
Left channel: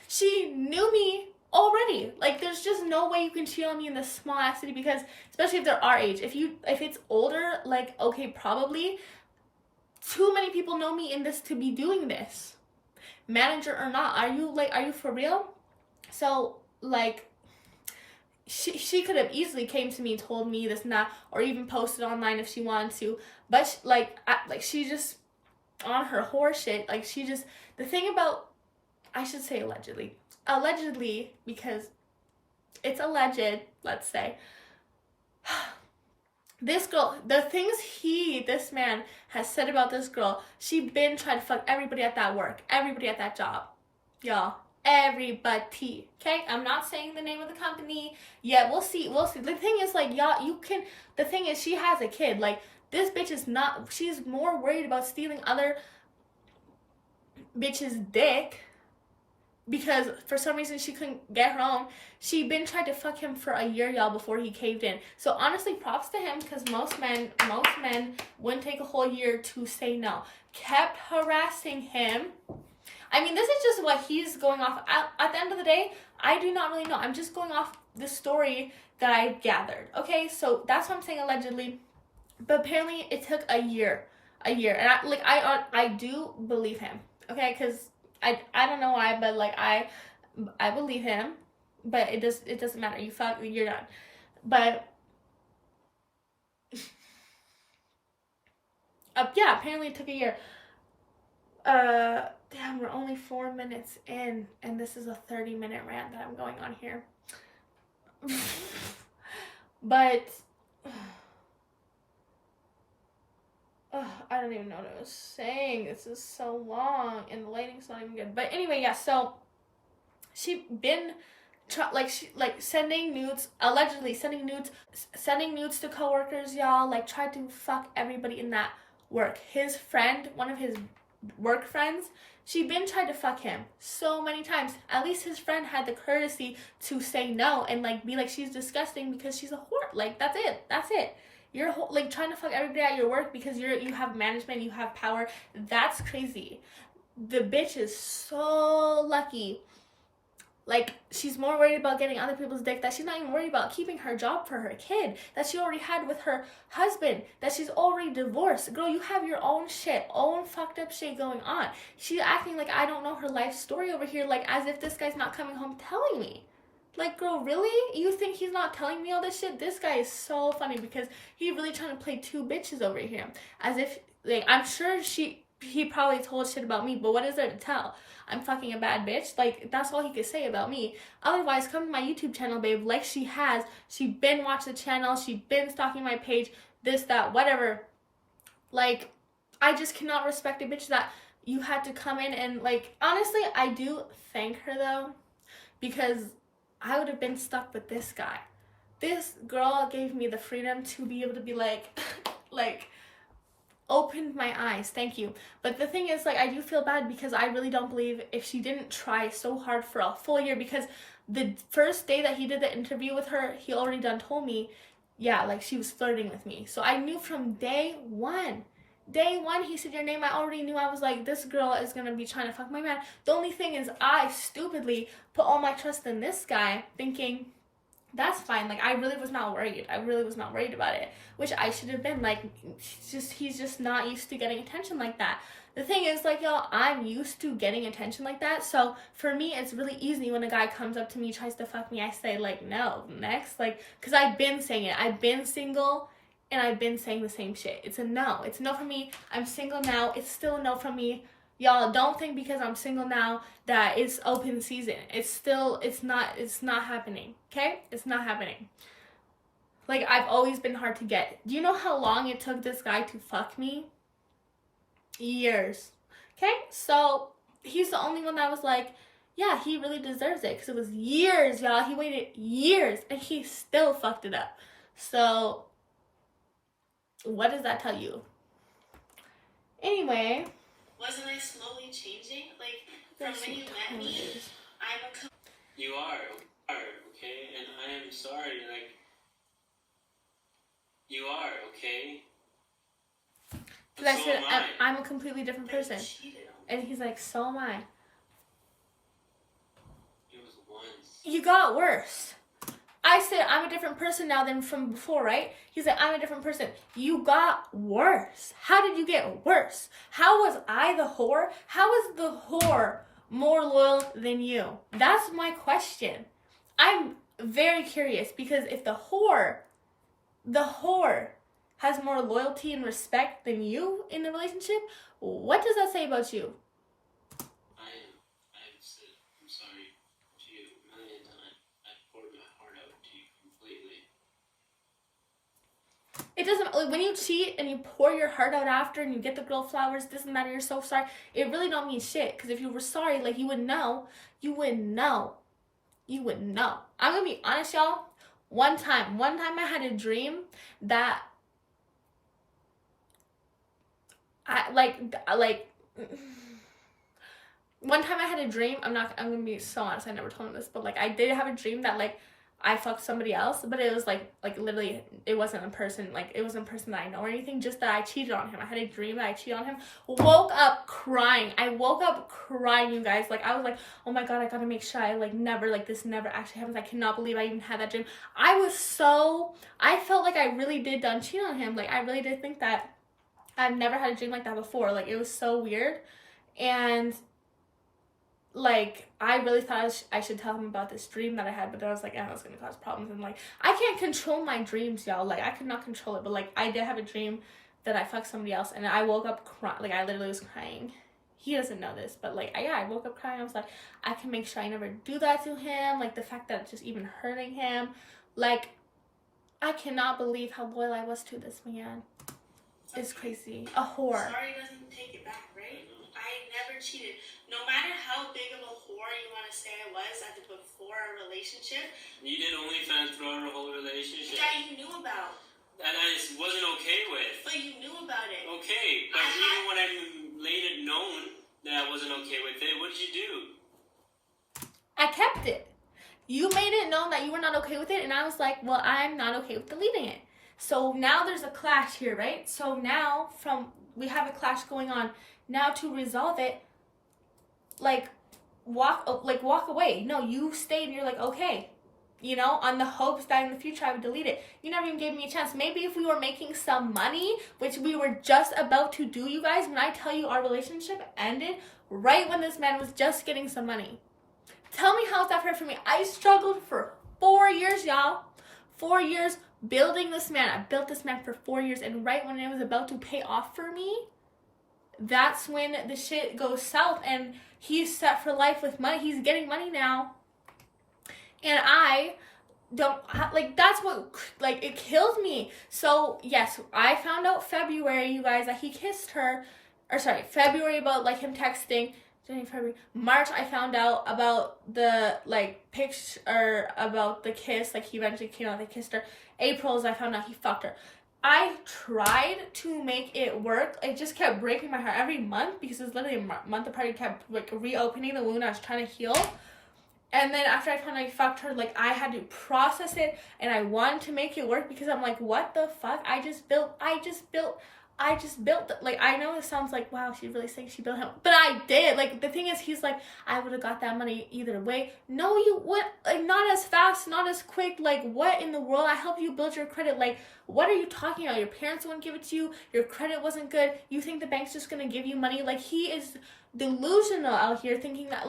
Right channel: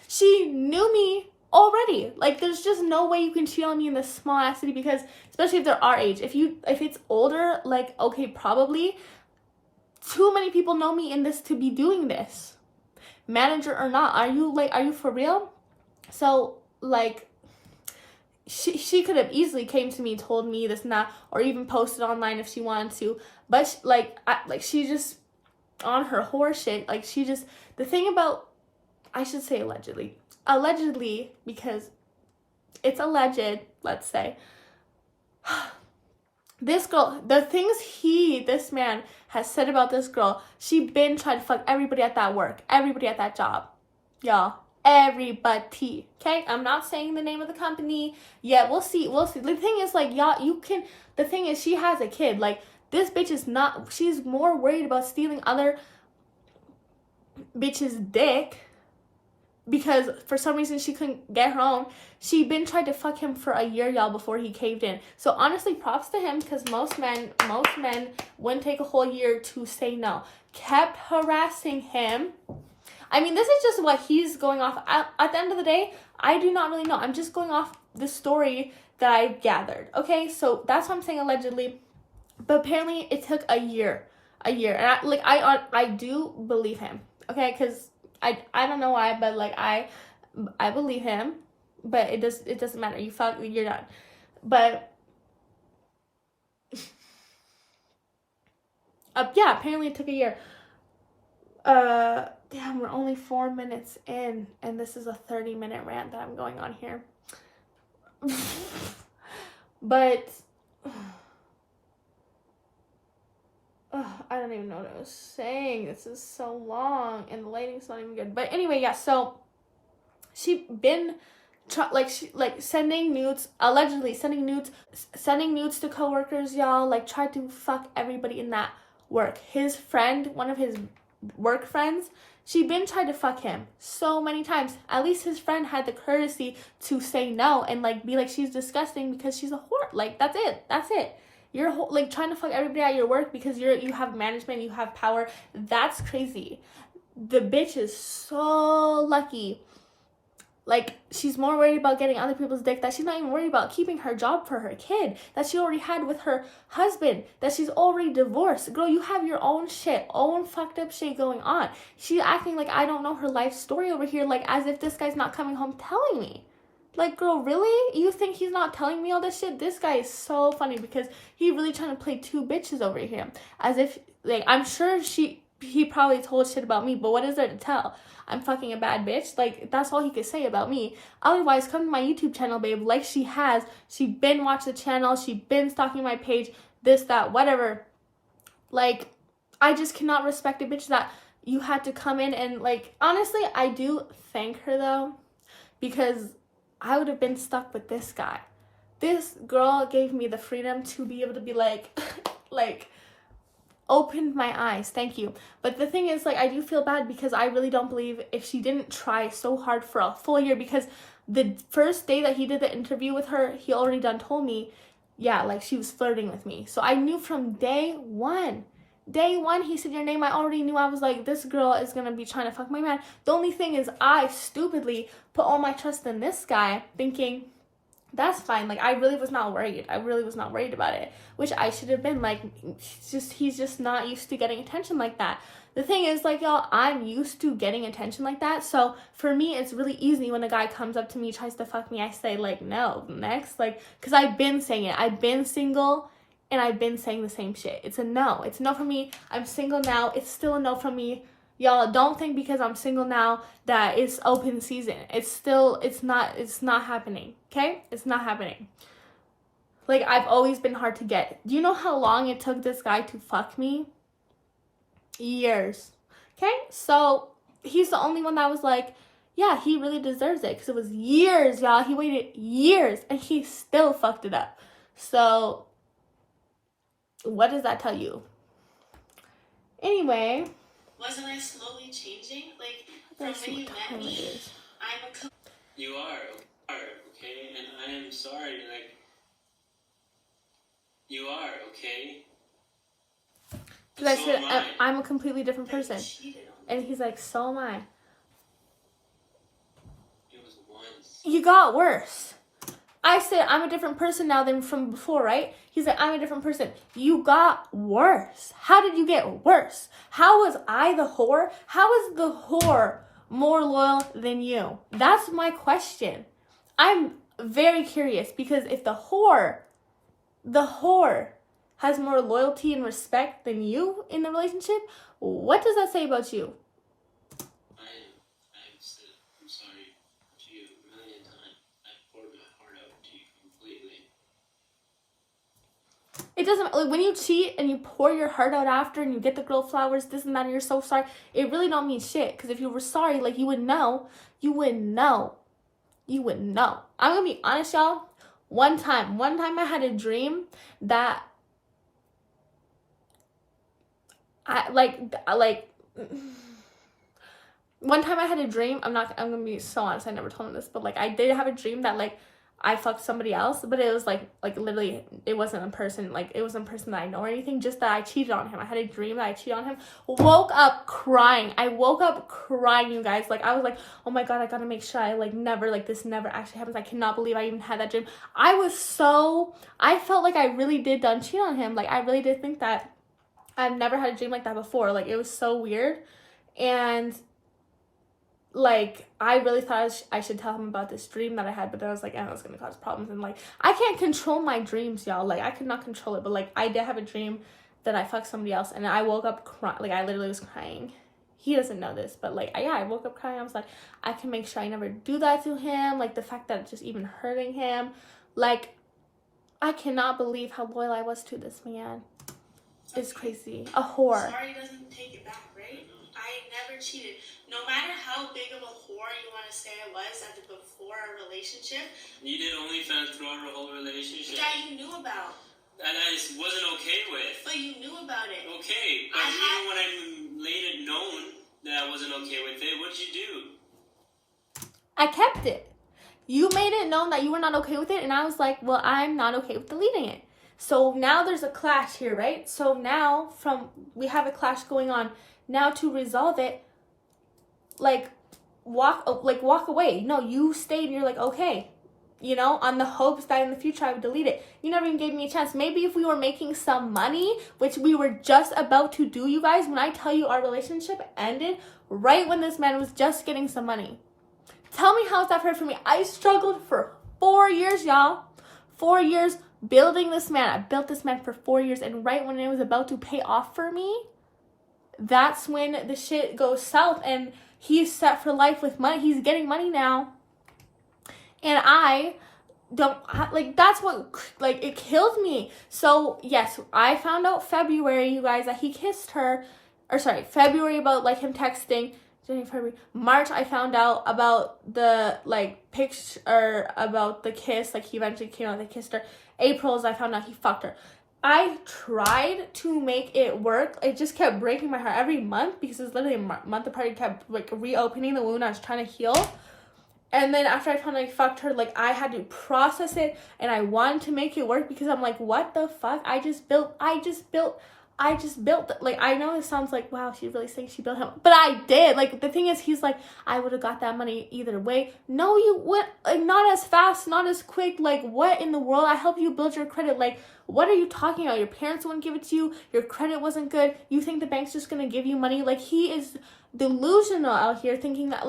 She knew me already. Like, there's just no way you can cheat on me in this small ass city, because especially if they're our age. If it's older, like, okay, probably too many people know me in this to be doing this, manager or not. Are you for real? So, like, she could have easily came to me, told me this and that, or even posted online if she wanted to, but she just on her horse shit. Like, she just, the thing about, I should say allegedly, because it's alleged, let's say, this girl, the things this man has said about this girl, she been trying to fuck everybody at that work, everybody at that job, y'all, everybody, okay? I'm not saying the name of the company yet. We'll see. The thing is, like, y'all, the thing is, she has a kid. Like, this bitch is not, she's more worried about stealing other bitches' dick, because for some reason she couldn't get her own. She been tried to fuck him for a year, y'all, before he caved in. So honestly, props to him, because most men wouldn't take a whole year to say no. Kept harassing him. I mean, this is just what he's going off. At the end of the day, I do not really know. I'm just going off the story that I've gathered. Okay, so that's what I'm saying, allegedly. But apparently, it took a year. And I do believe him. Okay, because I don't know why, but, like, I believe him, but it doesn't matter. You're done. But yeah, apparently it took a year. Damn, we're only 4 minutes in, and this is a 30-minute rant that I'm going on here. But I don't even know what I was saying. This is so long, and the lighting's not even good. But anyway, yeah, so she been sending nudes, allegedly sending nudes to coworkers, y'all. Like, tried to fuck everybody in that work. His friend, one of his work friends, she been tried to fuck him so many times. At least his friend had the courtesy to say no and like be like, she's disgusting because she's a whore. Like, that's it. You're like trying to fuck everybody at your work because you have management, you have power. That's crazy. The bitch is so lucky. Like, she's more worried about getting other people's dick that she's not even worried about keeping her job for her kid that she already had with her husband, that she's already divorced. Girl, you have your own shit, own fucked up shit going on. She's acting like I don't know her life story over here, like as if this guy's not coming home telling me. Like, girl, really? You think he's not telling me all this shit? This guy is so funny because he really trying to play two bitches over here. As if, like, I'm sure he probably told shit about me, but what is there to tell? I'm fucking a bad bitch. Like, that's all he could say about me. Otherwise, come to my YouTube channel, babe, like she has. She been watched the channel. She been stalking my page. This, that, whatever. Like, I just cannot respect a bitch that you had to come in and, like, honestly, I do thank her, though, because I would have been stuck with this guy. This girl gave me the freedom to be able to be, like, opened my eyes. Thank you. But the thing is, like, I do feel bad because I really don't believe if she didn't try so hard for a full year, because the first day that he did the interview with her, he already done told me, yeah, like, she was flirting with me. So I knew from day one, he said your name, I already knew. I was like, this girl is gonna be trying to fuck my man. The only thing is, I stupidly put all my trust in this guy, thinking that's fine. Like, I really was not worried. About it, which I should have been. Like, he's just not used to getting attention like that. The thing is, like, y'all, I'm used to getting attention like that. So for me, it's really easy when a guy comes up to me, tries to fuck me, I say, like, no, next. Like, because I've been saying it. I've been single and I've been saying the same shit. It's a no. It's a no for me. I'm single now. It's still a no for me. Y'all, don't think because I'm single now that it's open season. It's not happening, okay? It's not happening. Like, I've always been hard to get. Do you know how long it took this guy to fuck me? Years. Okay? So, he's the only one that was like, yeah, he really deserves it. Because it was years, y'all. He waited years, and he still fucked it up. So, what does that tell you? Anyway. Wasn't I slowly changing? Like, from when you met me, You are, okay? And I am sorry, like, you are, okay? Because I said, I'm a completely different person. And he's like, so am I. It was once. You got worse. I said, I'm a different person now than from before, right? He's like, I'm a different person. You got worse. How did you get worse? How was I the whore? How is the whore more loyal than you? That's my question. I'm very curious, because if the whore has more loyalty and respect than you in the relationship, what does that say about you? I've said I'm sorry to you a million times. I've poured my heart out to you completely. It doesn't, like, when you cheat and you pour your heart out after and you get the girl flowers, this and that, and you're so sorry, it really don't mean shit. Because if you were sorry, like, you would know. I'm gonna be honest, y'all. One time I had a dream that one time I had a dream, I'm gonna be so honest, I never told him this, but, like, I did have a dream that, like, I fucked somebody else, but it was, like literally, it wasn't a person, like, it wasn't a person that I know or anything, just that I cheated on him. I had a dream that I cheated on him, woke up crying, you guys. Like, I was like, oh my god, I gotta make sure this never actually happens. I cannot believe I even had that dream. I felt like I really did done cheat on him. Like, I really did think that. I've never had a dream like that before. Like, it was so weird. And, like, I really thought I should tell him about this dream that I had, but then I was like, oh, it's gonna cause problems. And, like, I can't control my dreams, y'all. Like, I could not control it. But, like, I did have a dream that I fucked somebody else, and I woke up crying. Like, I literally was crying. He doesn't know this, but, like, I woke up crying. I was like, I can make sure I never do that to him. Like, the fact that it's just even hurting him. Like, I cannot believe how loyal I was to this man. It's crazy. A whore. Sorry doesn't take it back, right? I never cheated. No matter how big of a whore you want to say I was at the before, our relationship. You did OnlyFans throughout our whole relationship. That you knew about. That I just wasn't okay with. But you knew about it. Okay, but even when I made it known that I wasn't okay with it, what did you do? I kept it. You made it known that you were not okay with it, and I was like, well, I'm not okay with deleting it. So now there's a clash here, right? So now we have a clash going on. Now to resolve it, walk away. No, you stayed and you're like, okay, on the hopes that in the future I would delete it. You never even gave me a chance. Maybe if we were making some money, which we were just about to do, you guys, when I tell you our relationship ended right when this man was just getting some money. Tell me how is that fair for me? I struggled for 4 years, y'all. 4 years building this man. I built this man for 4 years, and right when it was about to pay off for me, that's when the shit goes south, and he's set for life with money. He's getting money now. And I don't, that's what, it kills me. So, yes, I found out February, you guys, that he kissed her, February about, him texting. January, February, March, I found out about the, picture, about the kiss, he eventually came out, they kissed her. April's, I found out he fucked her. I tried to make it work. It just kept breaking my heart every month because it was literally a month apart. It kept, reopening the wound I was trying to heal. And then after I found out he fucked her, I had to process it, and I wanted to make it work because I'm like, what the fuck? I just built, I know this sounds like, wow, she's really saying she built him, but I did. The thing is, he's like, I would have got that money either way. No, you would, not as fast, not as quick. What in the world? I helped you build your credit. What are you talking about? Your parents wouldn't give it to you. Your credit wasn't good. You think the bank's just gonna give you money? He is delusional out here, thinking that,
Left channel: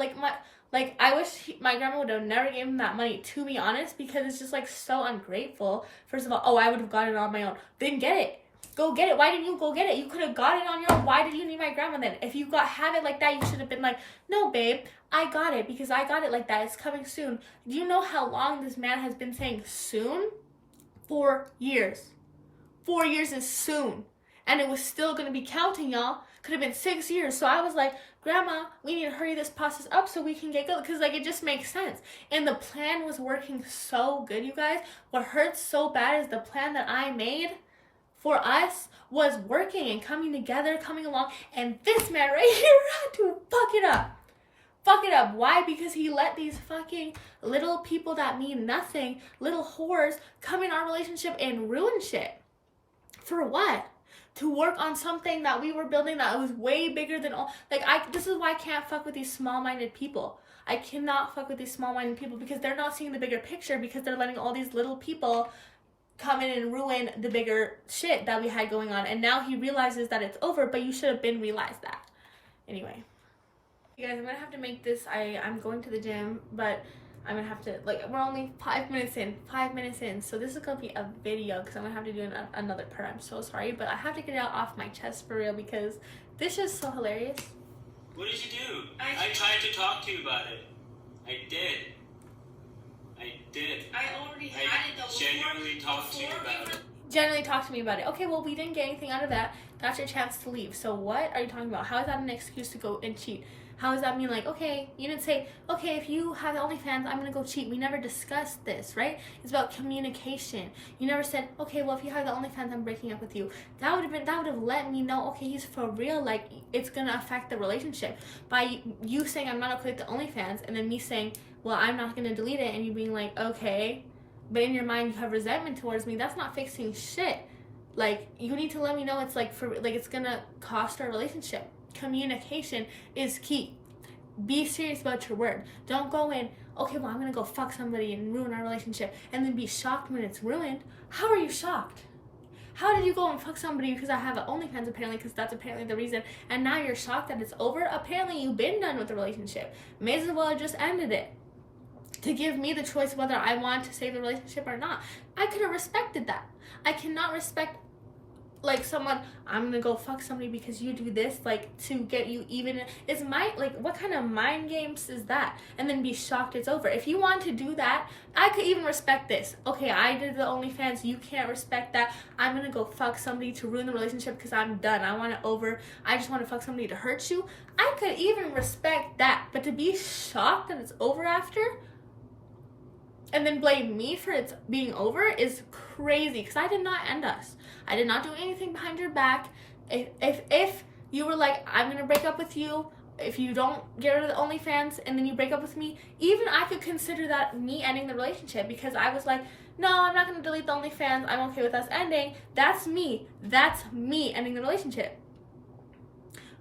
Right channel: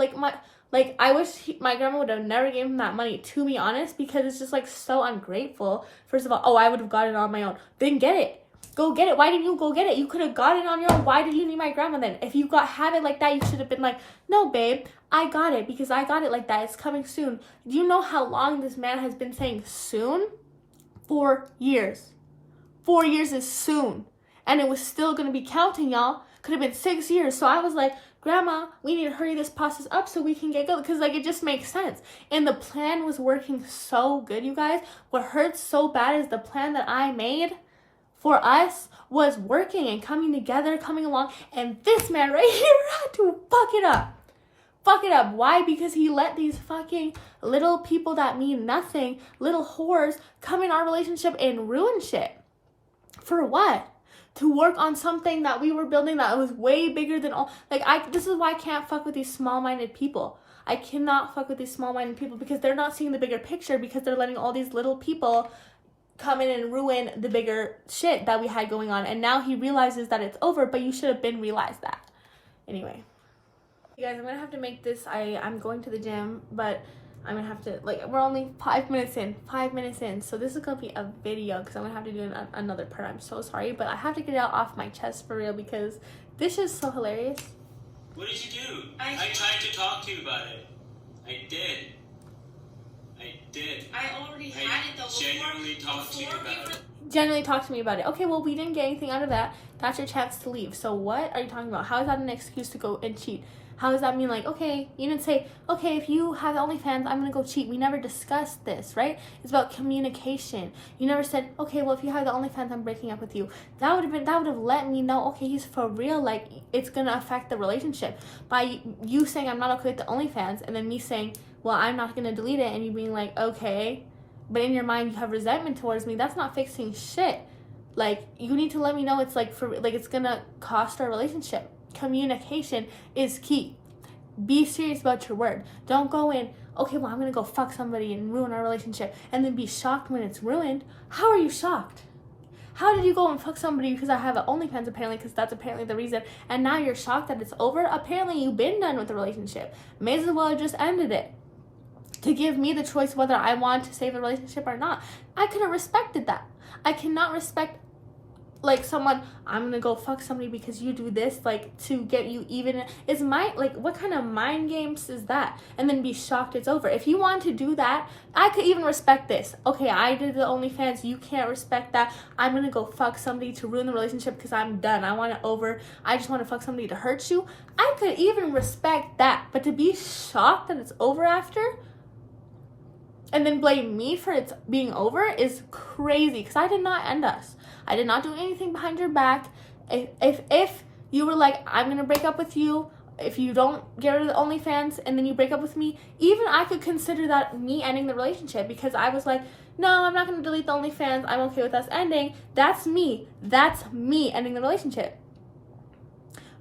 I wish my grandma would have never given him that money, to be honest, because it's just, so ungrateful. First of all, I would have gotten it on my own. Then get it. Go get it. Why didn't you go get it? You could have got it on your own. Why did you need my grandma then? If you had it like that, you should have been like, no, babe, I got it because I got it like that. It's coming soon. Do you know how long this man has been saying soon? 4 years. 4 years is soon. And it was still going to be counting, y'all. Could have been 6 years. So I was like, Grandma, we need to hurry this process up so we can get going. Because, it just makes sense. And the plan was working so good, you guys. What hurts so bad is the plan that I made for us was working and coming together, coming along. And this man right here had to fuck it up. Fuck it up. Why? Because he let these fucking little people that mean nothing, little whores, come in our relationship and ruin shit. For what? To work on something that we were building that was way bigger than all. This is why I can't fuck with these small-minded people. I cannot fuck with these small-minded people because they're not seeing the bigger picture, because they're letting all these little people come in and ruin the bigger shit that we had going on. And now he realizes that it's over, but you should have been realized that. Anyway. You guys, I'm gonna have to make this. I'm going to the gym, but I'm gonna have to, we're only 5 minutes in, so this is gonna be a video because I'm gonna have to do another part. I'm so sorry, but I have to get it out off my chest for real because this is so hilarious. What did you do? I tried to talk to you about it. I did. I already had it though. Genuinely talked to you about it. Generally talk to me about it. Okay, well, we didn't get anything out of that. That's your chance to leave. So what are you talking about? How is that an excuse to go and cheat? How does that mean, okay, you didn't say, okay, if you have OnlyFans, I'm going to go cheat. We never discussed this, right? It's about communication. You never said, okay, well, if you have the OnlyFans, I'm breaking up with you. That would have let me know, okay, he's for real, it's going to affect the relationship. By you saying, I'm not okay with the OnlyFans, and then me saying, well, I'm not going to delete it, and you being like, okay, but in your mind, you have resentment towards me, that's not fixing shit. You need to let me know it's, it's going to cost our relationship. Communication is key. Be serious about your word. Don't go in, okay, well, I'm gonna go fuck somebody and ruin our relationship, and then be shocked when it's ruined. How are you shocked? How did you go and fuck somebody because I have an OnlyFans, apparently, because that's apparently the reason, and now you're shocked that it's over? Apparently you've been done with the relationship. May as well have just ended it to give me the choice whether I want to save the relationship or not. I could have respected that. I cannot respect someone, I'm gonna go fuck somebody because you do this, to get you even. Is what kind of mind games is that? And then be shocked it's over. If you want to do that, I could even respect this. Okay, I did the OnlyFans, you can't respect that. I'm gonna go fuck somebody to ruin the relationship because I'm done. I want it over. I just want to fuck somebody to hurt you. I could even respect that. But to be shocked that it's over after, and then blame me for it being over is crazy, because I did not end us. I did not do anything behind your back. If you were like, I'm gonna break up with you if you don't get rid of the OnlyFans, and then you break up with me, even I could consider that me ending the relationship, because I was like, no, I'm not gonna delete the OnlyFans, I'm okay with us ending. That's me ending the relationship.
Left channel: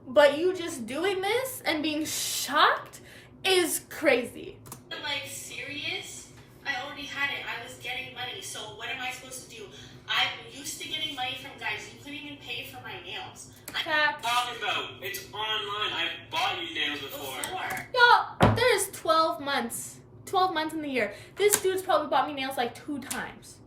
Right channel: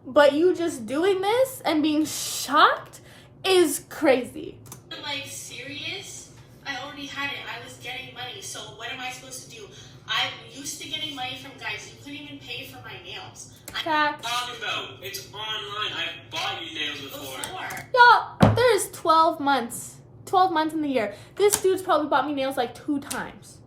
But you just doing this and being shocked is crazy. Like, serious? I already had it. I was getting money. So what am I supposed to do? I'm used to getting money from guys. You couldn't even pay for my nails. Talking about? It's online. I've bought you nails before. Y'all, there's 12 months. 12 months in the year. This dude's probably bought me nails like 2 times.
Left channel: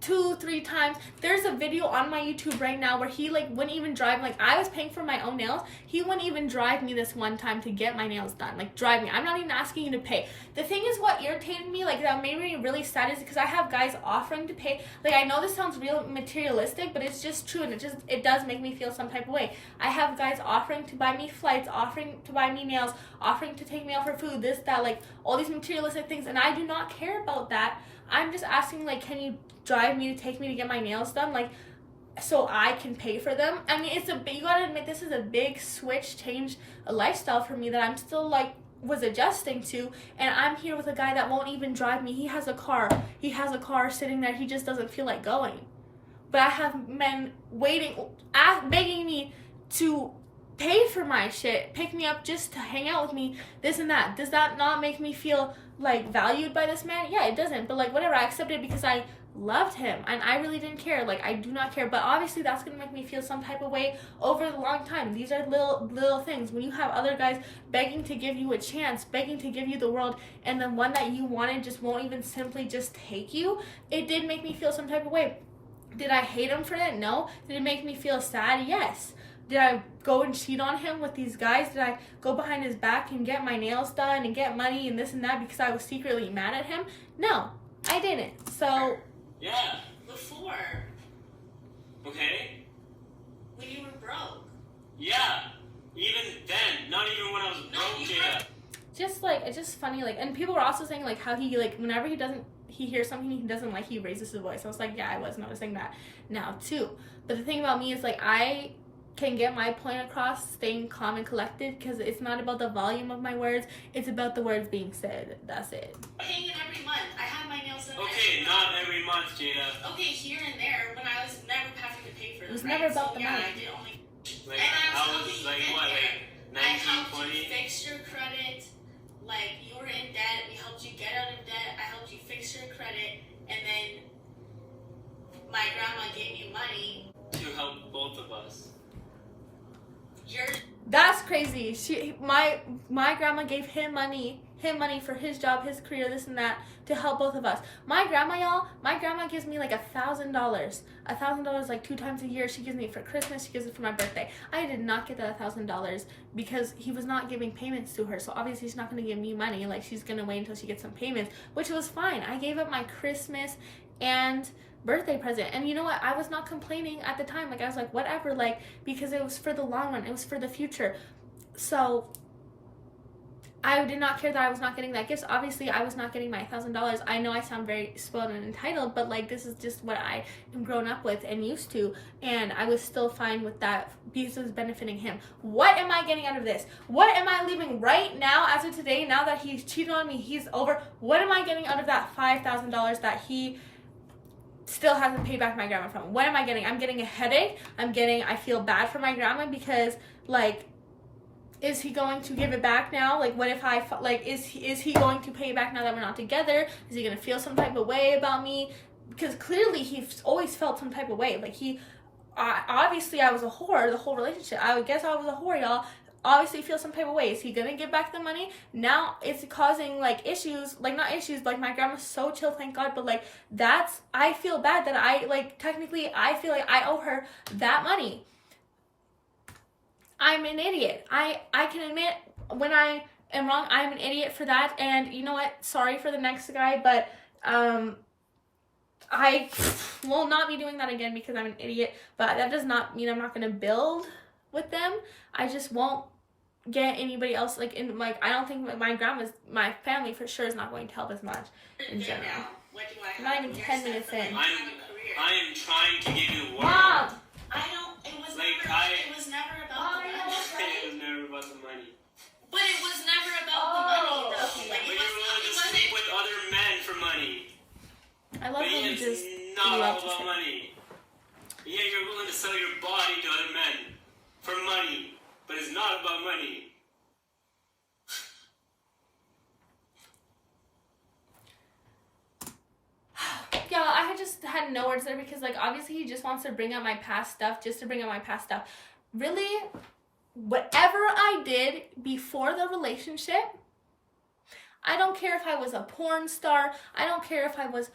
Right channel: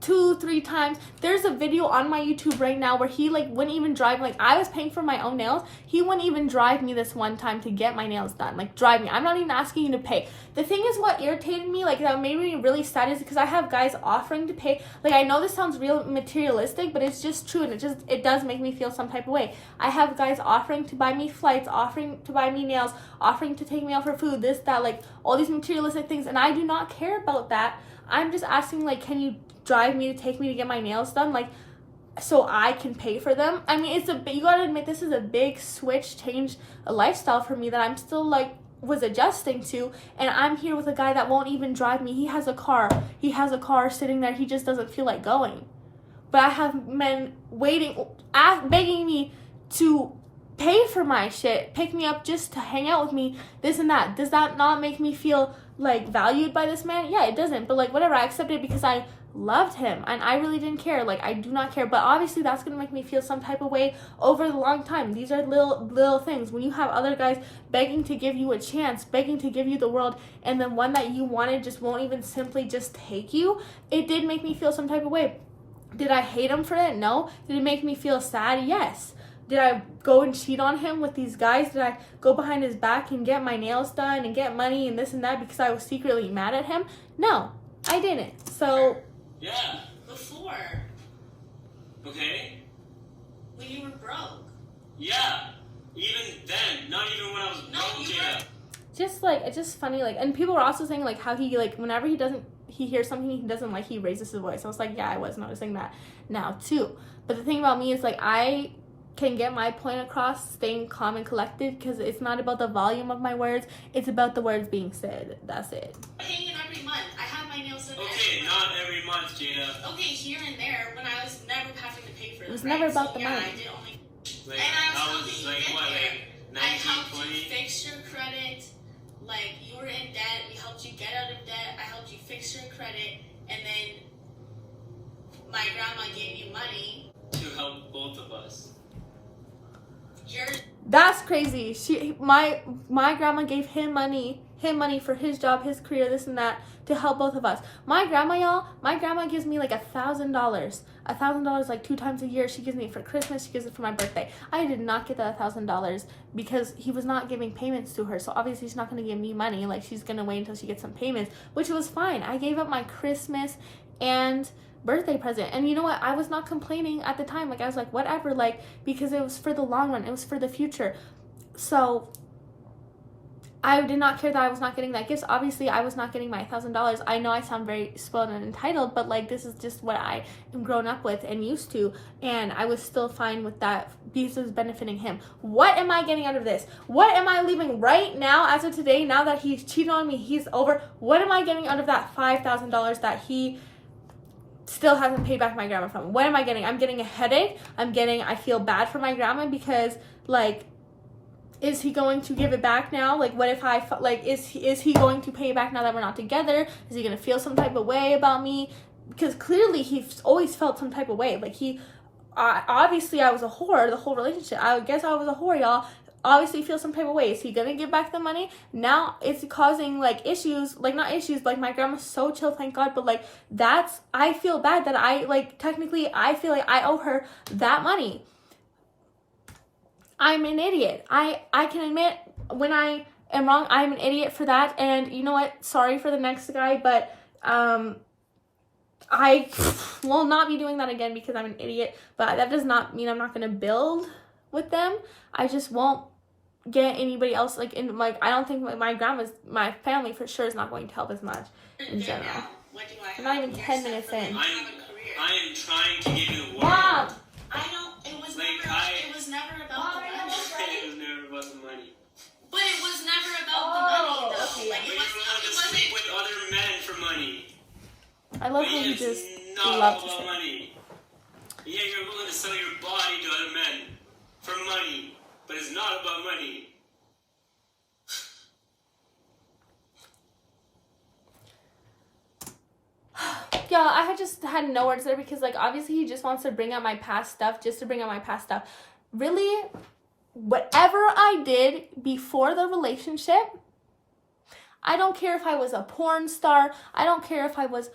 2-3 times. There's a video on my YouTube right now where he like wouldn't even drive. Like, I was paying for my own nails. He wouldn't even drive me this one time to get my nails done. Like, drive me. I'm not even asking you to pay. The thing is, what irritated me, like, that made me really sad, is because I have guys offering to pay. Like, I know this sounds real materialistic, but it's just true, and it does make me feel some type of way. I have guys offering to buy me flights, offering to buy me nails, offering to take me out for food, this, that, like, all these materialistic things, and I do not care about that. I'm just asking, like, can you drive me to take me to get my nails done, like, so I can pay for them? I mean, you gotta admit, this is a big switch, change, a lifestyle for me that I'm still, like, was adjusting to, and I'm here with a guy that won't even drive me. He has a car sitting there, he just doesn't feel like going. But I have men begging me to pay for my shit, pick me up just to hang out with me, this and that. Does that not make me feel like valued by this man? Yeah, it doesn't, but like, whatever, I accepted it because I loved him and I really didn't care. Like, I do not care, but obviously that's gonna make me feel some type of way over the long time. These are little things. When you have other guys begging to give you a chance, begging to give you the world, and then one that you wanted just won't even simply just take you, it did make me feel some type of way. Did I hate him for that? No. Did it make me feel sad? Yes. Did I go and cheat on him with these guys? Did I go behind his back and get my nails done and get money and this and that because I was secretly mad at him? No, I didn't. So yeah, before. Okay. When you were broke. Yeah, even then, not even when I was broke, Jada. It's just funny, like, and people were also saying, like, how he, like, whenever he hears something he doesn't like, he raises his voice. I was like, yeah, I was noticing that now too. But the thing about me is, like, I can get my point across staying calm and collected, because it's not about the volume of my words, it's about the words being said. That's it. Paying it every month. I have my nails done. Okay, not every month, Jada. Okay, here and there, when I was never having to pay for them. It was never about the money. I did only. Like, and I was like, what, like 19, I helped 20? you fix your credit. Like, you were in debt. We helped you get out of debt. I helped you fix your credit, and then my grandma gave you money to help both of us. That's crazy. My grandma gave him money for his job, his career, this and that, to help both of us. My grandma gives me like $1,000 like 2 times a year. She gives me it for Christmas, she gives it for my birthday. I did not get that $1,000 because he was not giving payments to her, so obviously she's not going to give me money. Like, she's going to wait until she gets some payments, which was fine. I gave up my Christmas and birthday present, and you know what, I was not complaining at the time. Like, I was like, whatever, like, because it was for the long run, it was for the future. So I did not care that I was not getting that gift. Obviously I was not getting my $1,000. I know I sound very spoiled and entitled, but like, this is just what I am grown up with and used to, and I was still fine with that because it was benefiting him. What am I getting out of this? What am I leaving right now, as of today, now that he's cheated on me, he's over? What am I getting out of that $5,000 that he still hasn't paid back my grandma from? What am I getting? I'm getting a headache. I feel bad for my grandma because, like, is he going to give it back now? Like, what if is he going to pay it back now that we're not together? Is he going to feel some type of way about me? Because clearly he's always felt some type of way. Like, obviously I was a whore the whole relationship. I would guess I was a whore, y'all. Obviously feel some type of way. Is he gonna give back the money? Now it's causing like issues, like not issues, like my grandma's so chill, thank God, but like I feel bad that technically I feel like I owe her that money. I'm an idiot. I can admit when I am wrong, I'm an idiot for that, and you know what, sorry for the next guy, but I will not be doing that again because I'm an idiot, but that does not mean I'm not gonna build with them. I just won't get anybody else, like, in, like, I don't think my family for sure is not going to help as much in general. Now, what do I have? I'm not even You're 10 set minutes for, like, in. I am trying to give you the world. Mom! I don't, it was Like, never, it was never about the money. It was never about the money. But it was never about the money, though. Okay. Like, But it you're willing to sleep with other men for money. I love But how you it's just not all love to about say. money. Yeah, you're willing to sell your body to other men for money, but it's not about money. Yeah, I had no words there because, like, obviously he just wants to bring up my past stuff just to bring up my past stuff. Really, whatever I did before the relationship, I don't care if I was a porn star. I don't care if I was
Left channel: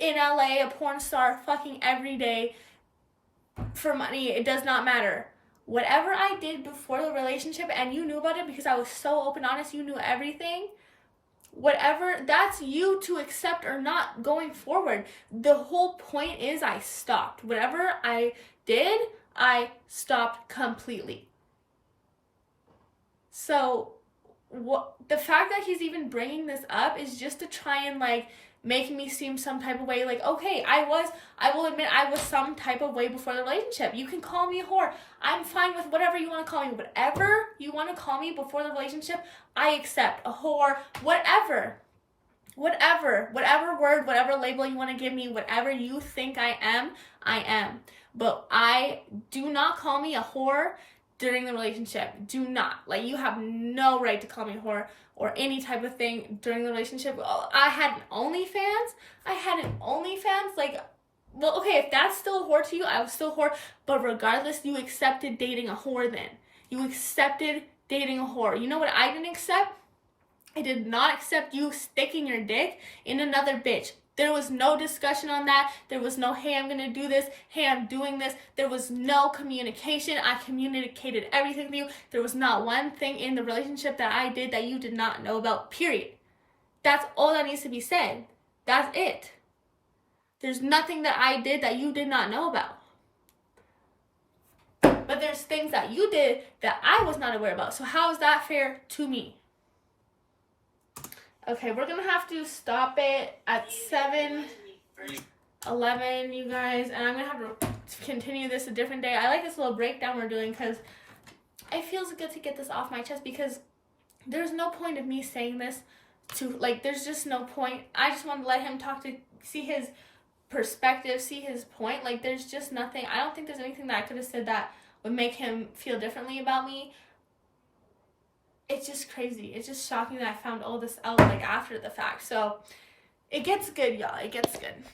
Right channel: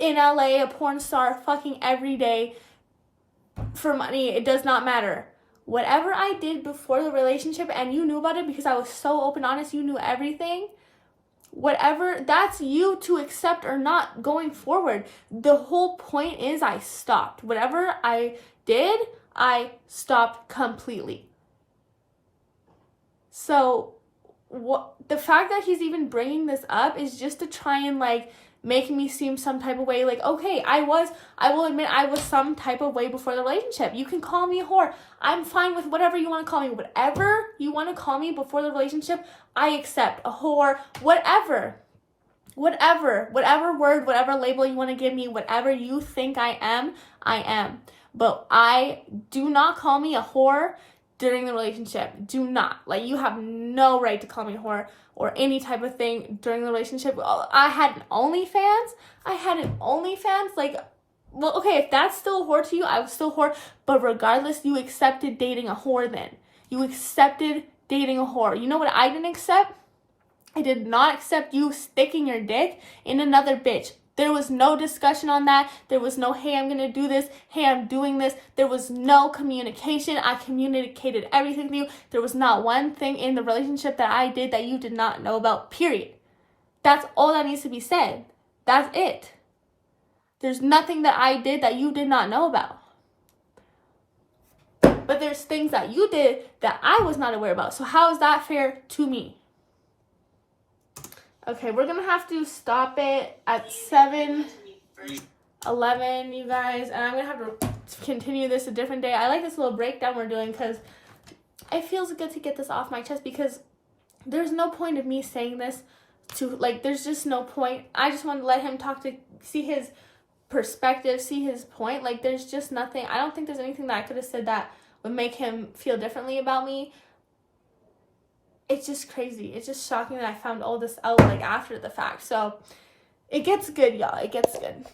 in LA, a porn star, fucking every day for money. It does not matter. Whatever I did before the relationship, and you knew about it because I was so open, honest, you knew everything. Whatever, that's you to accept or not going forward. The whole point is I stopped. Whatever I did, I stopped completely. So the fact that he's even bringing this up is just to try and, like, make me seem some type of way. Like, okay, I will admit I was some type of way before the relationship. You can call me a whore. I'm fine with whatever you want to call me. Whatever you want to call me before the relationship, I accept. A whore, whatever word, whatever label you want to give me, whatever you think I am. But I do not call me a whore during the relationship. Do not. Like, you have no right to call me a whore or any type of thing during the relationship. I had an OnlyFans. Like, well, okay, if that's still a whore to you, I was still a whore. But regardless, you accepted dating a whore then. You accepted dating a whore. You know what I didn't accept? I did not accept you sticking your dick in another bitch. There was no discussion on that. There was no, hey, I'm going to do this. Hey, I'm doing this. There was no communication. I communicated everything with you. There was not one thing in the relationship that I did that you did not know about, period. That's all that needs to be said. That's it. There's nothing that I did that you did not know about. But there's things that you did that I was not aware about. So how is that fair to me? Okay, we're going to have to stop it at 7:11, you guys. And I'm going to have to continue this a different day. I like this little breakdown we're doing because it feels good to get this off my chest because there's no point of me saying this to, like, there's just no point. I just want to let him talk to, see his perspective, see his point. Like, there's just nothing. I don't think there's anything that I could have said that would make him feel differently about me. It's just crazy. It's just shocking that I found all this out, like, after the fact. So, it gets good, y'all. It gets good.